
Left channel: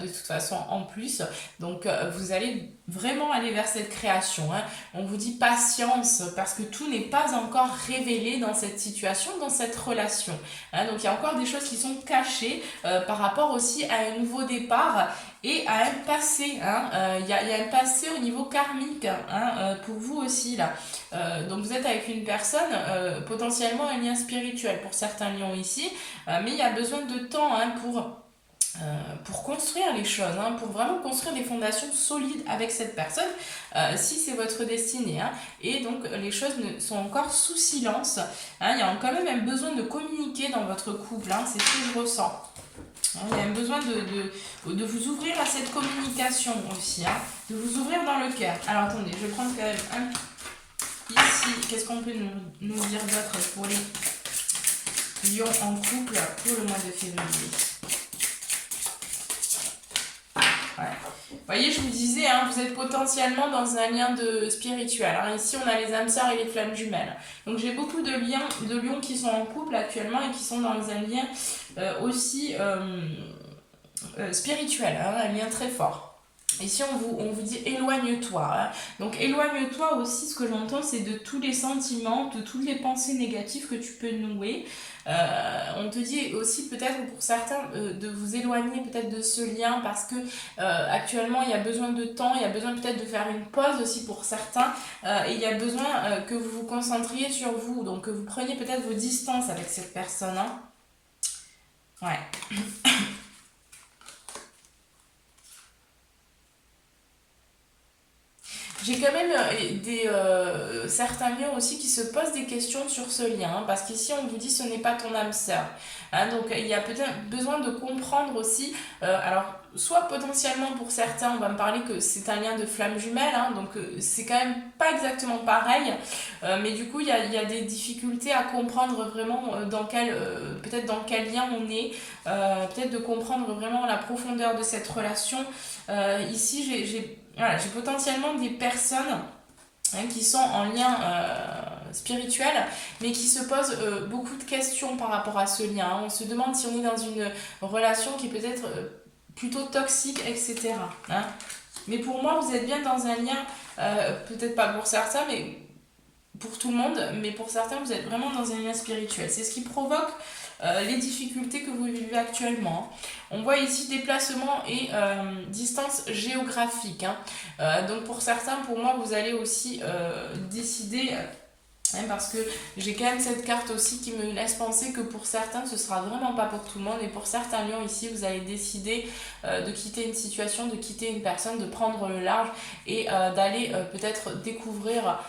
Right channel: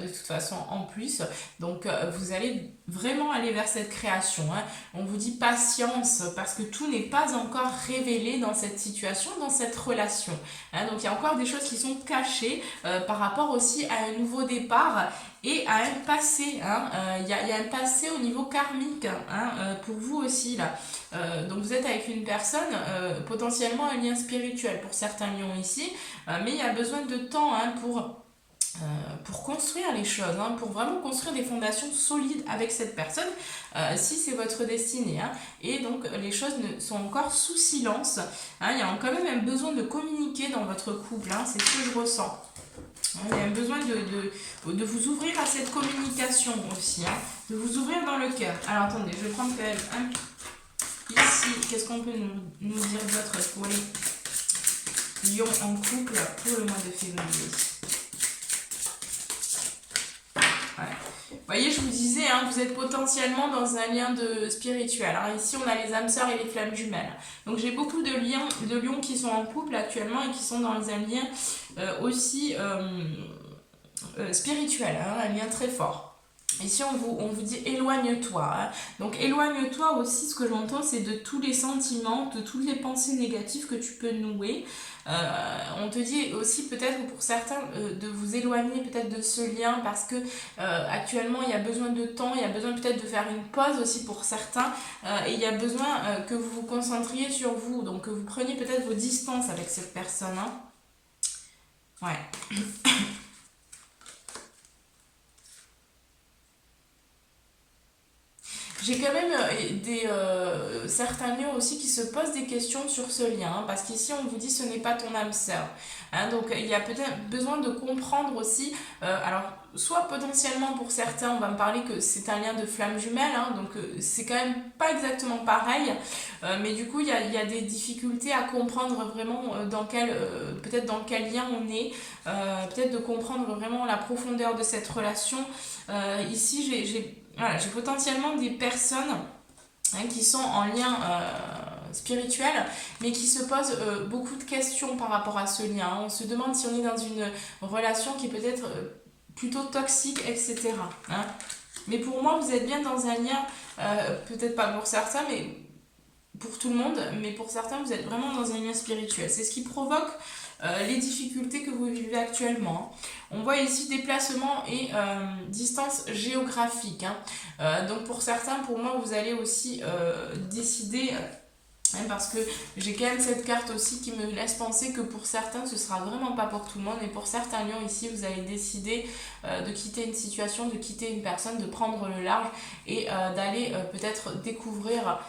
de toute façon, en plus. Donc, vous allez vraiment aller vers cette création, hein. On vous dit patience, parce que tout n'est pas encore révélé dans cette situation, dans cette relation, hein. Donc, il y a encore des choses qui sont cachées par rapport aussi à un nouveau départ et à un passé, hein. Il y a un passé au niveau karmique, hein, pour vous aussi, là. Donc vous êtes avec une personne, potentiellement un lien spirituel pour certains lions ici, mais il y a besoin de temps, hein, pour construire les choses, hein, pour vraiment construire des fondations solides avec cette personne, si c'est votre destinée, hein. Et donc les choses sont encore sous silence, hein. Il y a quand même un besoin de communiquer dans votre couple, hein, c'est ce que je ressens. Il y a un besoin de vous ouvrir à cette communication aussi, hein, de vous ouvrir dans le cœur. Alors attendez, je vais prendre quand même un... Ici, qu'est-ce qu'on peut nous dire d'autre pour les lions en couple pour le mois de février? Ouais. Vous voyez, je vous disais, hein, vous êtes potentiellement dans un lien spirituel, hein. Ici, on a les âmes sœurs et les flammes jumelles. Donc, j'ai beaucoup de lions qui sont en couple actuellement et qui sont dans un lien aussi spirituel, hein, un lien très fort. Ici, on vous dit éloigne-toi, hein. Donc, éloigne-toi aussi, ce que j'entends, c'est de tous les sentiments, de toutes les pensées négatives que tu peux nouer. On te dit aussi peut-être pour certains de vous éloigner peut-être de ce lien parce que actuellement il y a besoin de temps, il y a besoin peut-être de faire une pause aussi pour certains, et il y a besoin que vous vous concentriez sur vous, donc que vous preniez peut-être vos distances avec cette personne, hein. Ouais. J'ai quand même certains liens aussi qui se posent des questions sur ce lien, hein, parce qu'ici on vous dit ce n'est pas ton âme sœur, hein. Donc il y a peut-être besoin de comprendre aussi, alors soit potentiellement pour certains on va me parler que c'est un lien de flamme jumelle, hein, donc c'est quand même pas exactement pareil, mais du coup il y a des difficultés à comprendre vraiment peut-être dans quel lien on est, peut-être de comprendre vraiment la profondeur de cette relation. Ici j'ai potentiellement des personnes, hein, qui sont en lien spirituel, mais qui se posent beaucoup de questions par rapport à ce lien, hein. On se demande si on est dans une relation qui est peut-être plutôt toxique, etc., hein. Mais pour moi, vous êtes bien dans un lien, peut-être pas pour certains, mais pour tout le monde, mais pour certains, vous êtes vraiment dans un lien spirituel. C'est ce qui provoque les difficultés que vous vivez actuellement. On voit ici déplacement et distance géographique, hein. Donc pour certains, pour moi, vous allez aussi décider, hein, parce que j'ai quand même cette carte aussi qui me laisse penser que pour certains, ce sera vraiment pas pour tout le monde. Et pour certains lions ici, vous allez décider de quitter une situation, de quitter une personne, de prendre le large et d'aller peut-être découvrir,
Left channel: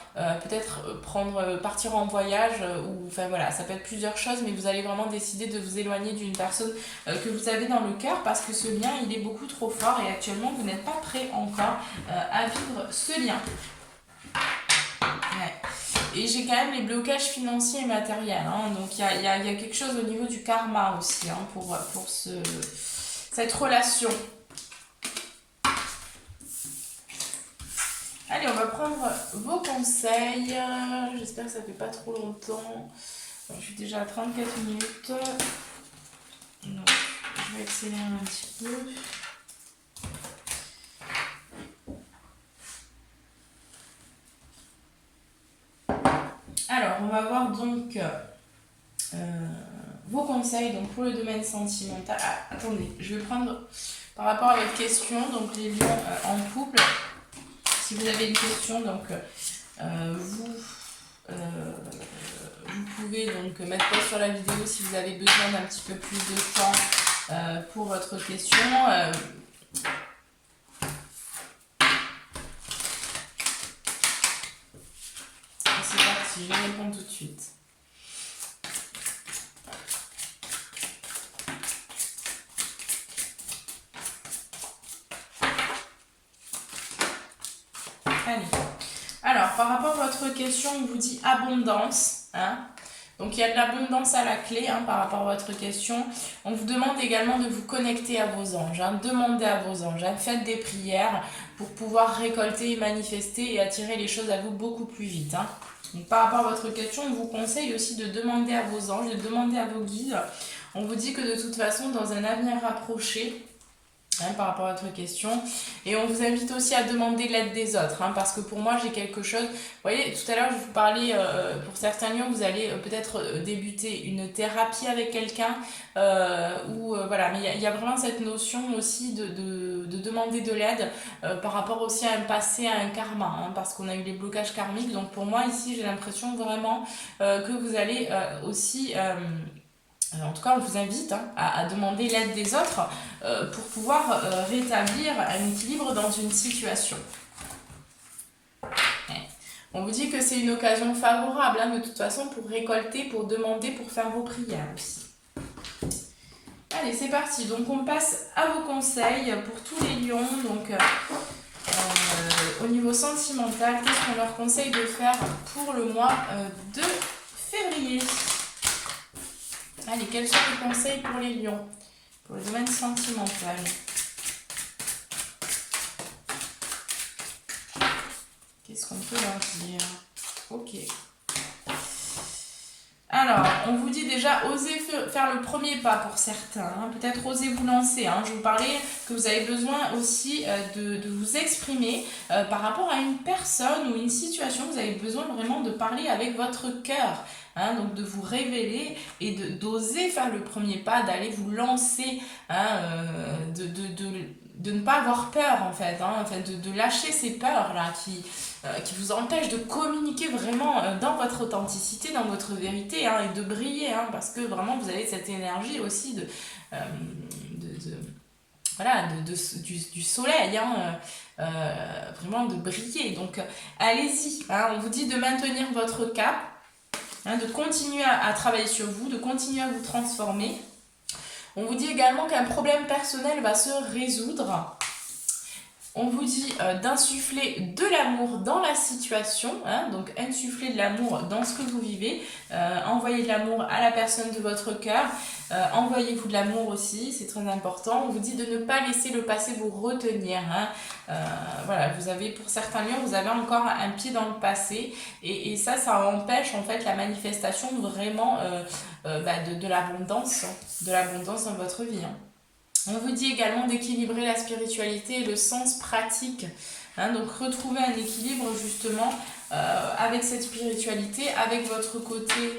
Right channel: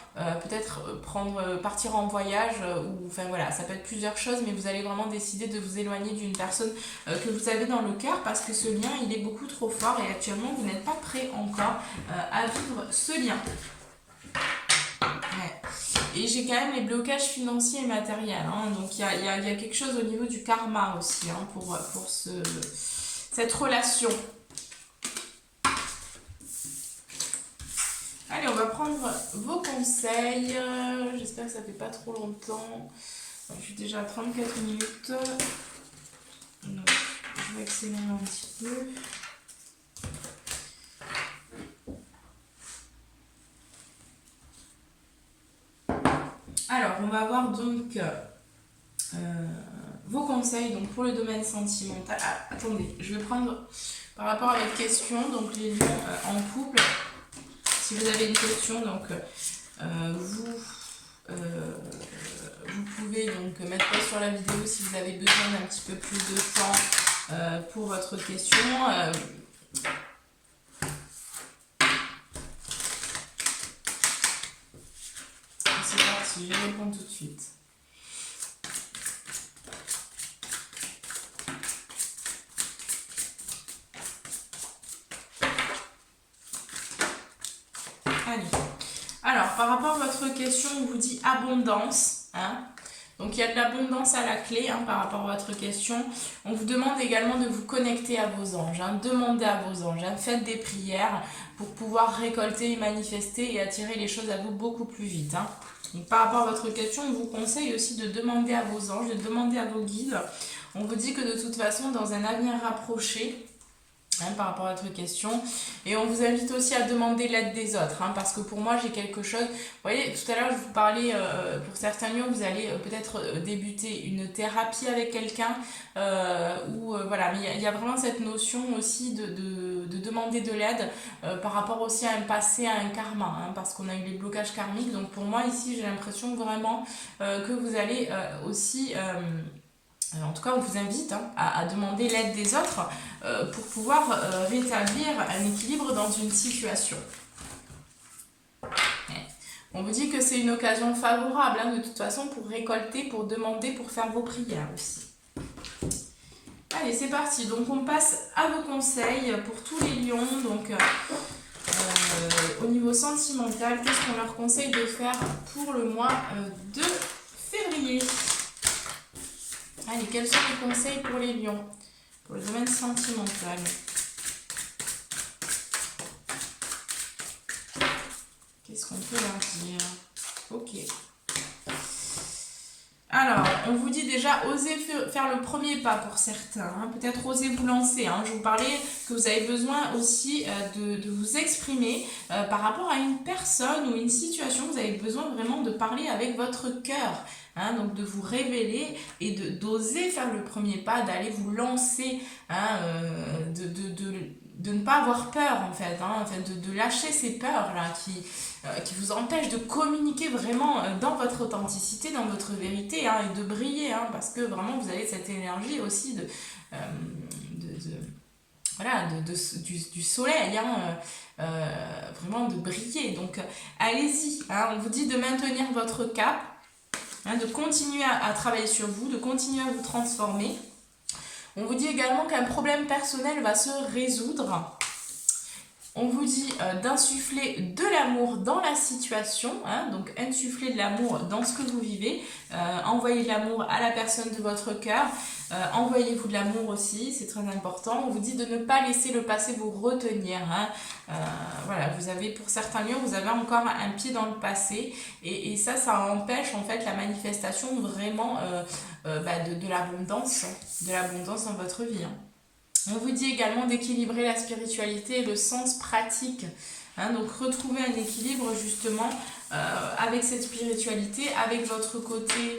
partir en voyage, ou enfin voilà, ça peut être plusieurs choses, mais vous allez vraiment décider de vous éloigner d'une personne que vous avez dans le cœur, parce que ce lien, il est beaucoup trop fort et actuellement, vous n'êtes pas prêt encore à vivre ce lien. Ouais. Et j'ai quand même les blocages financiers et matériels, hein. Donc il y a quelque chose au niveau du karma aussi, hein, pour cette relation. Allez, on va prendre vos conseils. J'espère que ça fait pas trop longtemps. Je suis déjà à 34 minutes. Donc, je vais accélérer un petit peu. Alors, on va voir donc vos conseils donc, pour le domaine sentimental. Ah, attendez, je vais prendre par rapport à votre question, donc les liens en couple. Si vous avez une question, donc vous pouvez pouvez donc mettre pause sur la vidéo si vous avez besoin d'un petit peu plus de temps pour votre question. C'est parti, je réponds tout de suite. Allez. Alors, par rapport à votre question, on vous dit abondance. Hein. Donc, il y a de l'abondance à la clé par rapport à votre question. On vous demande également de vous connecter à vos anges. Demandez à vos anges. Faites des prières pour pouvoir récolter, manifester et attirer les choses à vous beaucoup plus vite. Donc, par rapport à votre question, on vous conseille aussi de demander à vos anges, de demander à vos guides. On vous dit que de toute façon, dans un avenir rapproché, par rapport à votre question, et on vous invite aussi à demander l'aide des autres, parce que pour moi j'ai quelque chose, vous voyez, tout à l'heure je vous parlais, pour certains lions vous allez peut-être débuter une thérapie avec quelqu'un, voilà, mais il y a vraiment cette notion aussi de demander de l'aide par rapport aussi à un passé, à un karma, parce qu'on a eu les blocages karmiques. Donc pour moi ici j'ai l'impression vraiment que vous allez aussi... en tout cas, on vous invite à demander l'aide des autres pour pouvoir rétablir un équilibre dans une situation. On vous dit que c'est une occasion favorable de toute façon pour récolter, pour demander, pour faire vos prières aussi. Allez, c'est parti. Donc, on passe à vos conseils pour tous les lions. Donc, au niveau sentimental, qu'est-ce qu'on leur conseille de faire pour le mois de février ? Allez, quels sont les conseils pour les lions, pour le domaine sentimental? Qu'est-ce qu'on peut leur dire? Ok. Alors, on vous dit déjà, osez faire le premier pas pour certains. Peut-être osez vous lancer. Je vous parlais que vous avez besoin aussi de vous exprimer par rapport à une personne ou une situation. Vous avez besoin vraiment de parler avec votre cœur. Donc de vous révéler et d'oser faire le premier pas, d'aller vous lancer, de ne pas avoir peur en fait, de lâcher ces peurs-là qui vous empêchent de communiquer vraiment dans votre authenticité, dans votre vérité, et de briller, parce que vraiment vous avez cette énergie aussi du soleil, vraiment de briller. Donc allez-y, on vous dit de maintenir votre cap, de continuer à travailler sur vous, de continuer à vous transformer. On vous dit également qu'un problème personnel va se résoudre. On vous dit d'insuffler de l'amour dans la situation, donc insuffler de l'amour dans ce que vous vivez, envoyez de l'amour à la personne de votre cœur, envoyez-vous de l'amour aussi, c'est très important. On vous dit de ne pas laisser le passé vous retenir. Voilà, vous avez, pour certains lions, vous avez encore un pied dans le passé, et ça empêche en fait la manifestation vraiment de l'abondance dans votre vie. On vous dit également d'équilibrer la spiritualité et le sens pratique. Donc retrouver un équilibre justement avec cette spiritualité, avec votre côté,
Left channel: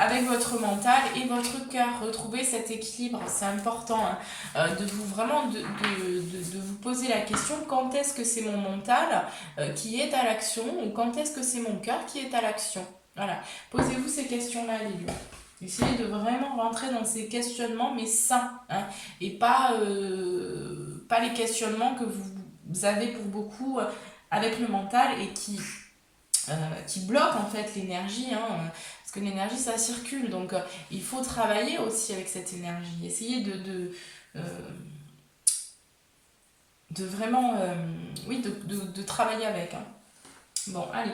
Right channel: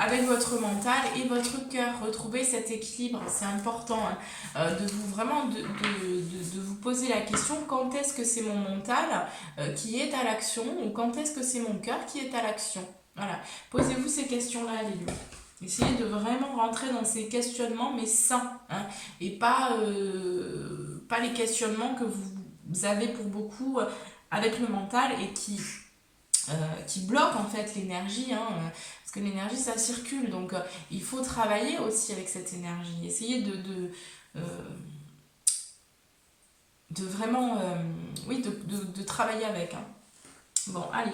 avec votre mental et votre cœur. Retrouver cet équilibre, c'est important de vous vraiment de vous poser la question, quand est-ce que c'est mon mental qui est à l'action, ou quand est-ce que c'est mon cœur qui est à l'action. Voilà, posez-vous ces questions-là, les lions. Essayez de vraiment rentrer dans ces questionnements, mais sains, et pas les questionnements que vous avez pour beaucoup avec le mental et qui bloquent en fait l'énergie, parce que l'énergie ça circule, donc il faut travailler aussi avec cette énergie. Essayez de vraiment de travailler avec. Bon, allez.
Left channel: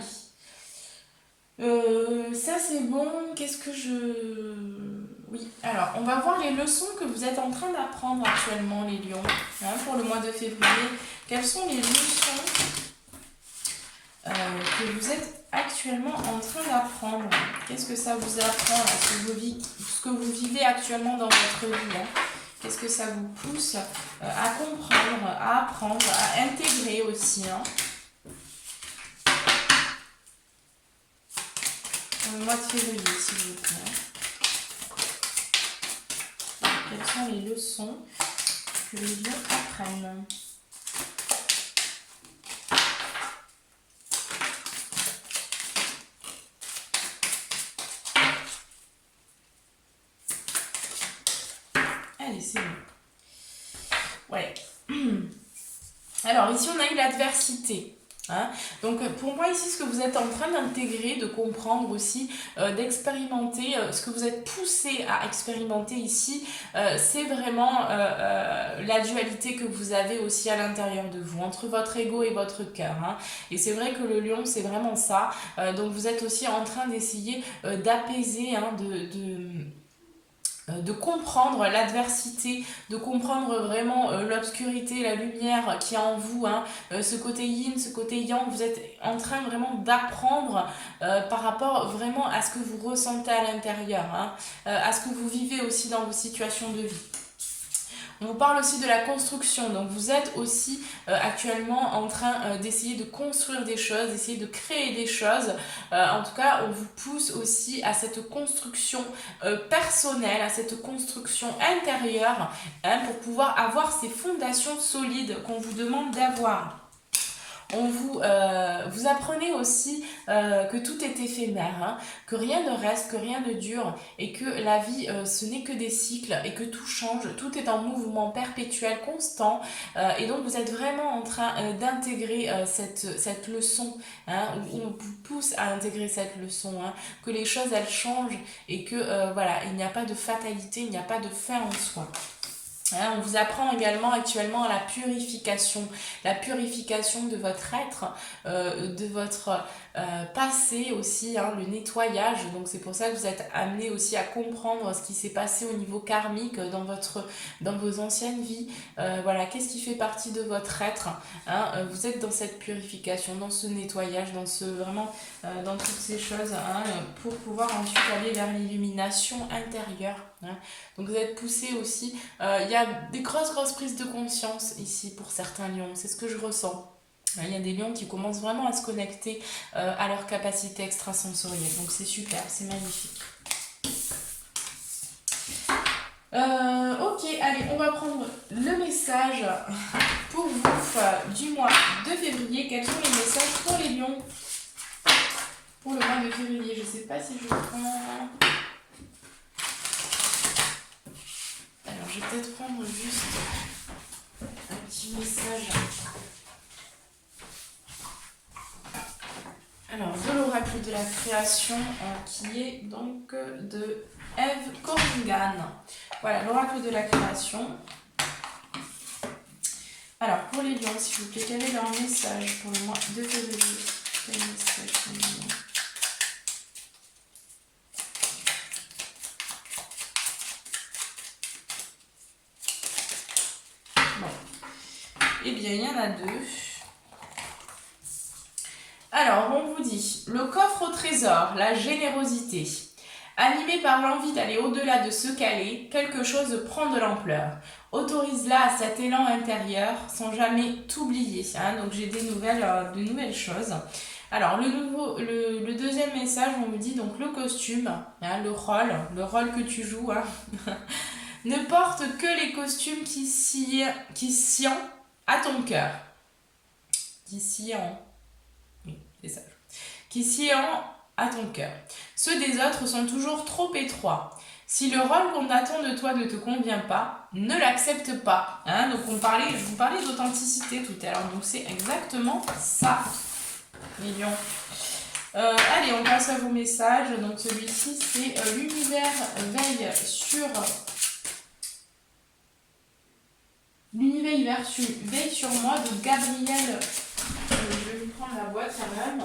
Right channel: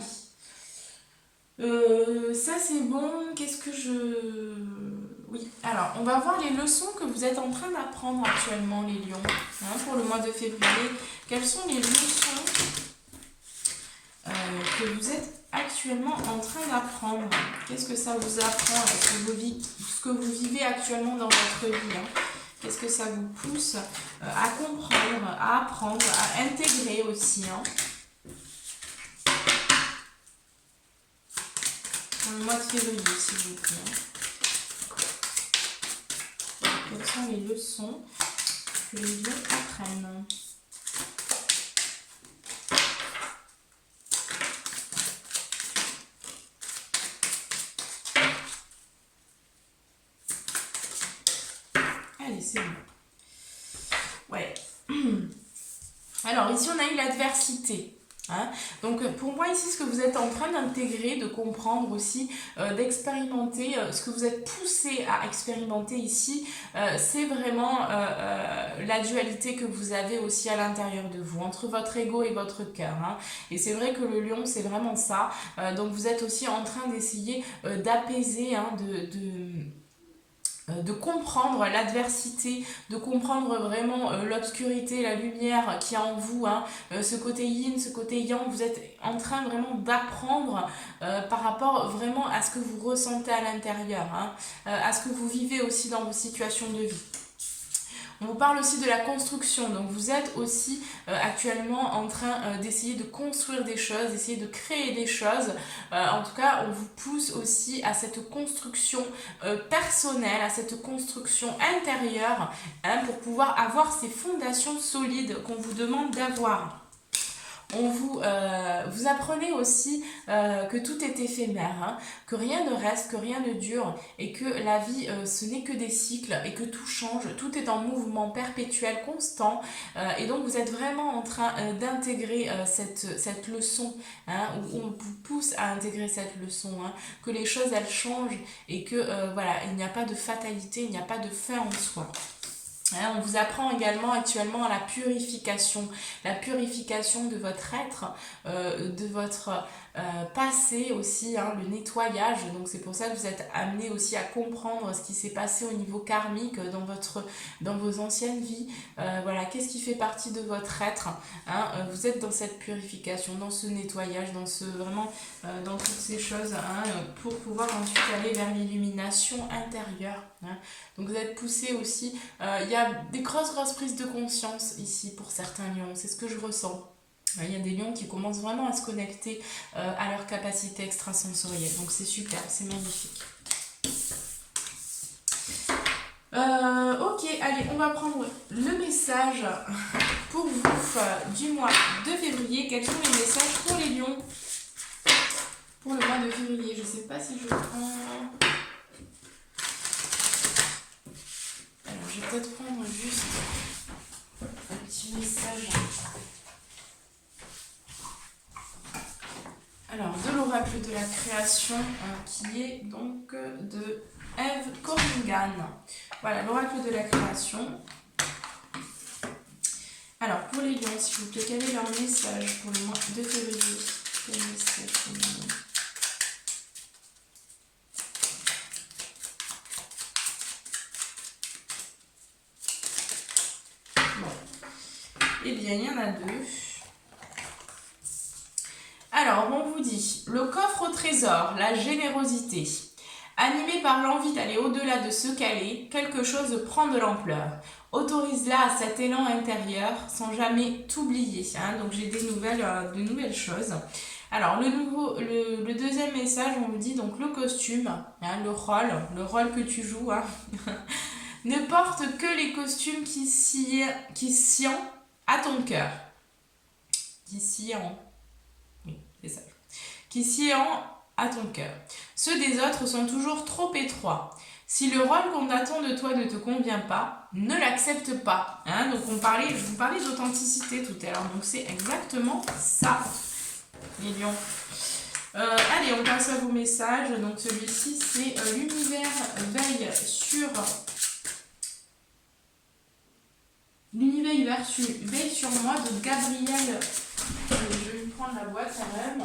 Ça c'est bon. Qu'est-ce que oui, alors on va voir les leçons que vous êtes en train d'apprendre actuellement, les lions, pour le mois de février. Quelles sont les leçons que vous êtes actuellement en train d'apprendre? Qu'est-ce que ça vous apprend, ce que vous vivez actuellement dans votre vie, Qu'est-ce que ça vous pousse à comprendre, à apprendre, à intégrer aussi, le mois de février, s'il vous plaît. Quelles sont les leçons que les lions apprennent? c'est mieux. Ouais. Alors ici on a eu l'adversité. Hein. Donc pour moi ici ce que vous êtes en train d'intégrer, de comprendre aussi, d'expérimenter, ce que vous êtes poussé à expérimenter ici, c'est vraiment la dualité que vous avez aussi à l'intérieur de vous, entre votre ego et votre cœur. Hein. Et c'est vrai que le lion c'est vraiment ça. Donc vous êtes aussi en train d'essayer d'apaiser, hein, de comprendre l'adversité, de comprendre vraiment l'obscurité, la lumière qui est en vous, hein, ce côté yin, ce côté yang, vous êtes en train vraiment d'apprendre par rapport vraiment à ce que vous ressentez à l'intérieur, hein, à ce que vous vivez aussi dans vos situations de vie. On vous parle aussi de la construction, donc vous êtes aussi actuellement en train d'essayer de construire des choses, d'essayer de créer des choses. En tout cas, on vous pousse aussi à cette construction personnelle, à cette construction intérieure, hein, pour pouvoir avoir ces fondations solides qu'on vous demande d'avoir. Vous apprenez aussi que tout est éphémère, hein, que rien ne reste, que rien ne dure, et que la vie, ce n'est que des cycles, et que tout change, tout est en mouvement perpétuel, constant, et donc vous êtes vraiment en train d'intégrer cette leçon, hein, où on vous pousse à intégrer cette leçon, hein, que les choses elles changent, et que voilà, il n'y a pas de fatalité, il n'y a pas de fin en soi. Hein, on vous apprend également actuellement à la purification de votre être, de votre passé aussi, hein, le nettoyage. Donc c'est pour ça que vous êtes amené aussi à comprendre ce qui s'est passé au niveau karmique dans vos anciennes vies. Voilà, qu'est-ce qui fait partie de votre être, hein, vous êtes dans cette purification, dans ce nettoyage, dans toutes ces choses, hein, pour pouvoir ensuite aller vers l'illumination intérieure. Hein. Donc vous êtes poussé aussi, il y a des grosses prises de conscience ici pour certains lions, c'est ce que je ressens. Il y a des lions qui commencent vraiment à se connecter à leur capacité extrasensorielle, donc c'est super, c'est magnifique. Ok, allez, on va prendre le message pour vous du mois de février. Quels sont les messages pour les lions pour le mois de février? Je sais pas si je prends... Alors, je vais peut-être prendre juste un petit message. Alors, de l'oracle de la création, qui est donc de Eve Corrigan. Voilà, l'oracle de la création. Alors, pour les lions, s'il vous plaît, quel est leur message pour le mois de février? Quel message pour les lions? Eh bien, il y en a deux. Alors, on vous dit, le coffre au trésor, la générosité. Animé par l'envie d'aller au-delà de ce qu'elle est, quelque chose prend de l'ampleur. Autorise-la à cet élan intérieur sans jamais t'oublier. Hein, donc, j'ai de nouvelles choses. Alors, le deuxième message, on vous dit donc le costume, hein, le rôle que tu joues, hein, ne porte que les costumes qui sient à ton cœur. Qui sient à ton cœur. Ceux des autres sont toujours trop étroits. Si le rôle qu'on attend de toi ne te convient pas, ne l'accepte pas. Hein, donc je vous parlais d'authenticité tout à l'heure, donc c'est exactement ça, les lions. Allez, on passe à vos messages. Donc celui-ci, c'est l'univers veille sur moi de Gabriel. Je vais lui prendre la boîte quand même.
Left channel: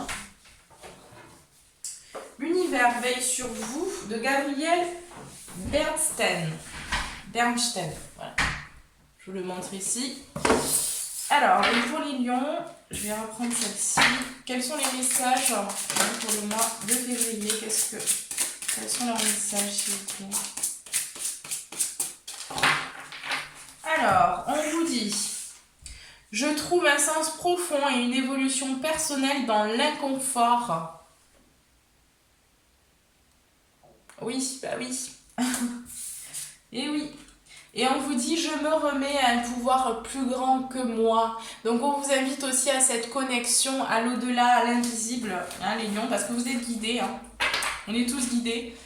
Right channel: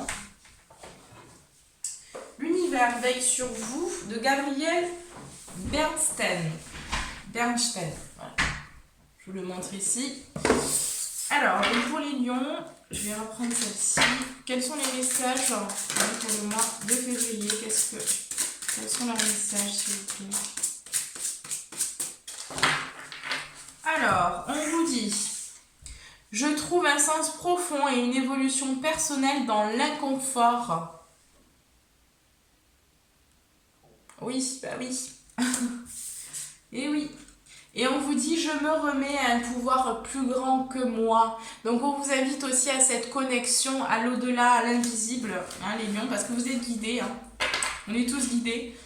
L'univers veille sur vous de Gabriel Bernstein. Voilà. Je vous le montre ici. Alors, pour les lions, je vais reprendre celle-ci. Quels sont les messages pour le mois de février? Quels sont leurs messages, s'il vous plaît? Alors, on vous dit, je trouve un sens profond et une évolution personnelle dans l'inconfort. Oui, bah oui. Et oui. Et on vous dit, je me remets à un pouvoir plus grand que moi. Donc on vous invite aussi à cette connexion à l'au-delà, à l'invisible, hein, les lions, parce que vous êtes guidés. Hein. On est tous guidés.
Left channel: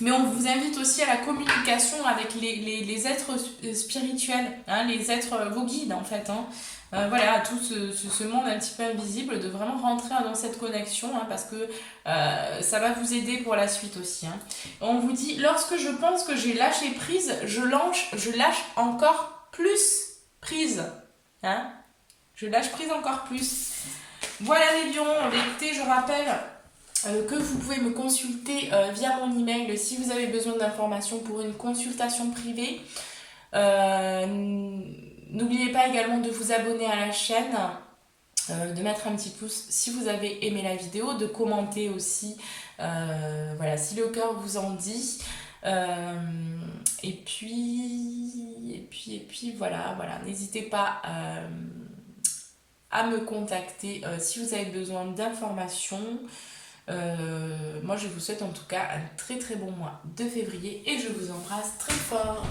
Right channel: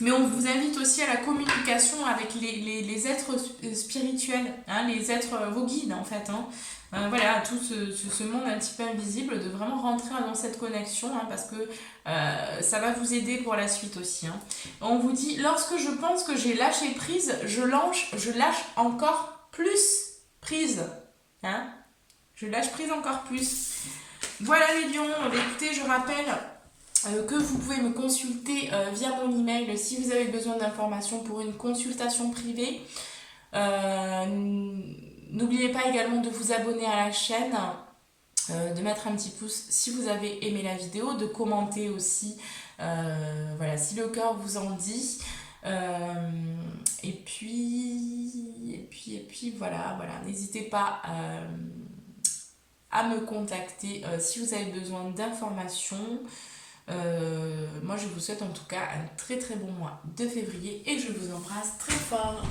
Mais on vous invite aussi à la communication avec les êtres spirituels, hein, les êtres, vos guides en fait. Hein. Voilà, tout ce monde un petit peu invisible, de vraiment rentrer dans cette connexion, hein, parce que ça va vous aider pour la suite aussi. Hein. On vous dit, lorsque je pense que j'ai lâché prise, je lâche encore plus prise. Hein. Je lâche prise encore plus. Voilà les lions, écoutez, je rappelle que vous pouvez me consulter via mon email si vous avez besoin d'informations pour une consultation privée. N'oubliez pas également de vous abonner à la chaîne, de mettre un petit pouce si vous avez aimé la vidéo, de commenter aussi, voilà, si le cœur vous en dit. Et puis voilà, n'hésitez pas à me contacter si vous avez besoin d'informations. Moi je vous souhaite en tout cas un très très bon mois de février et je vous embrasse très fort.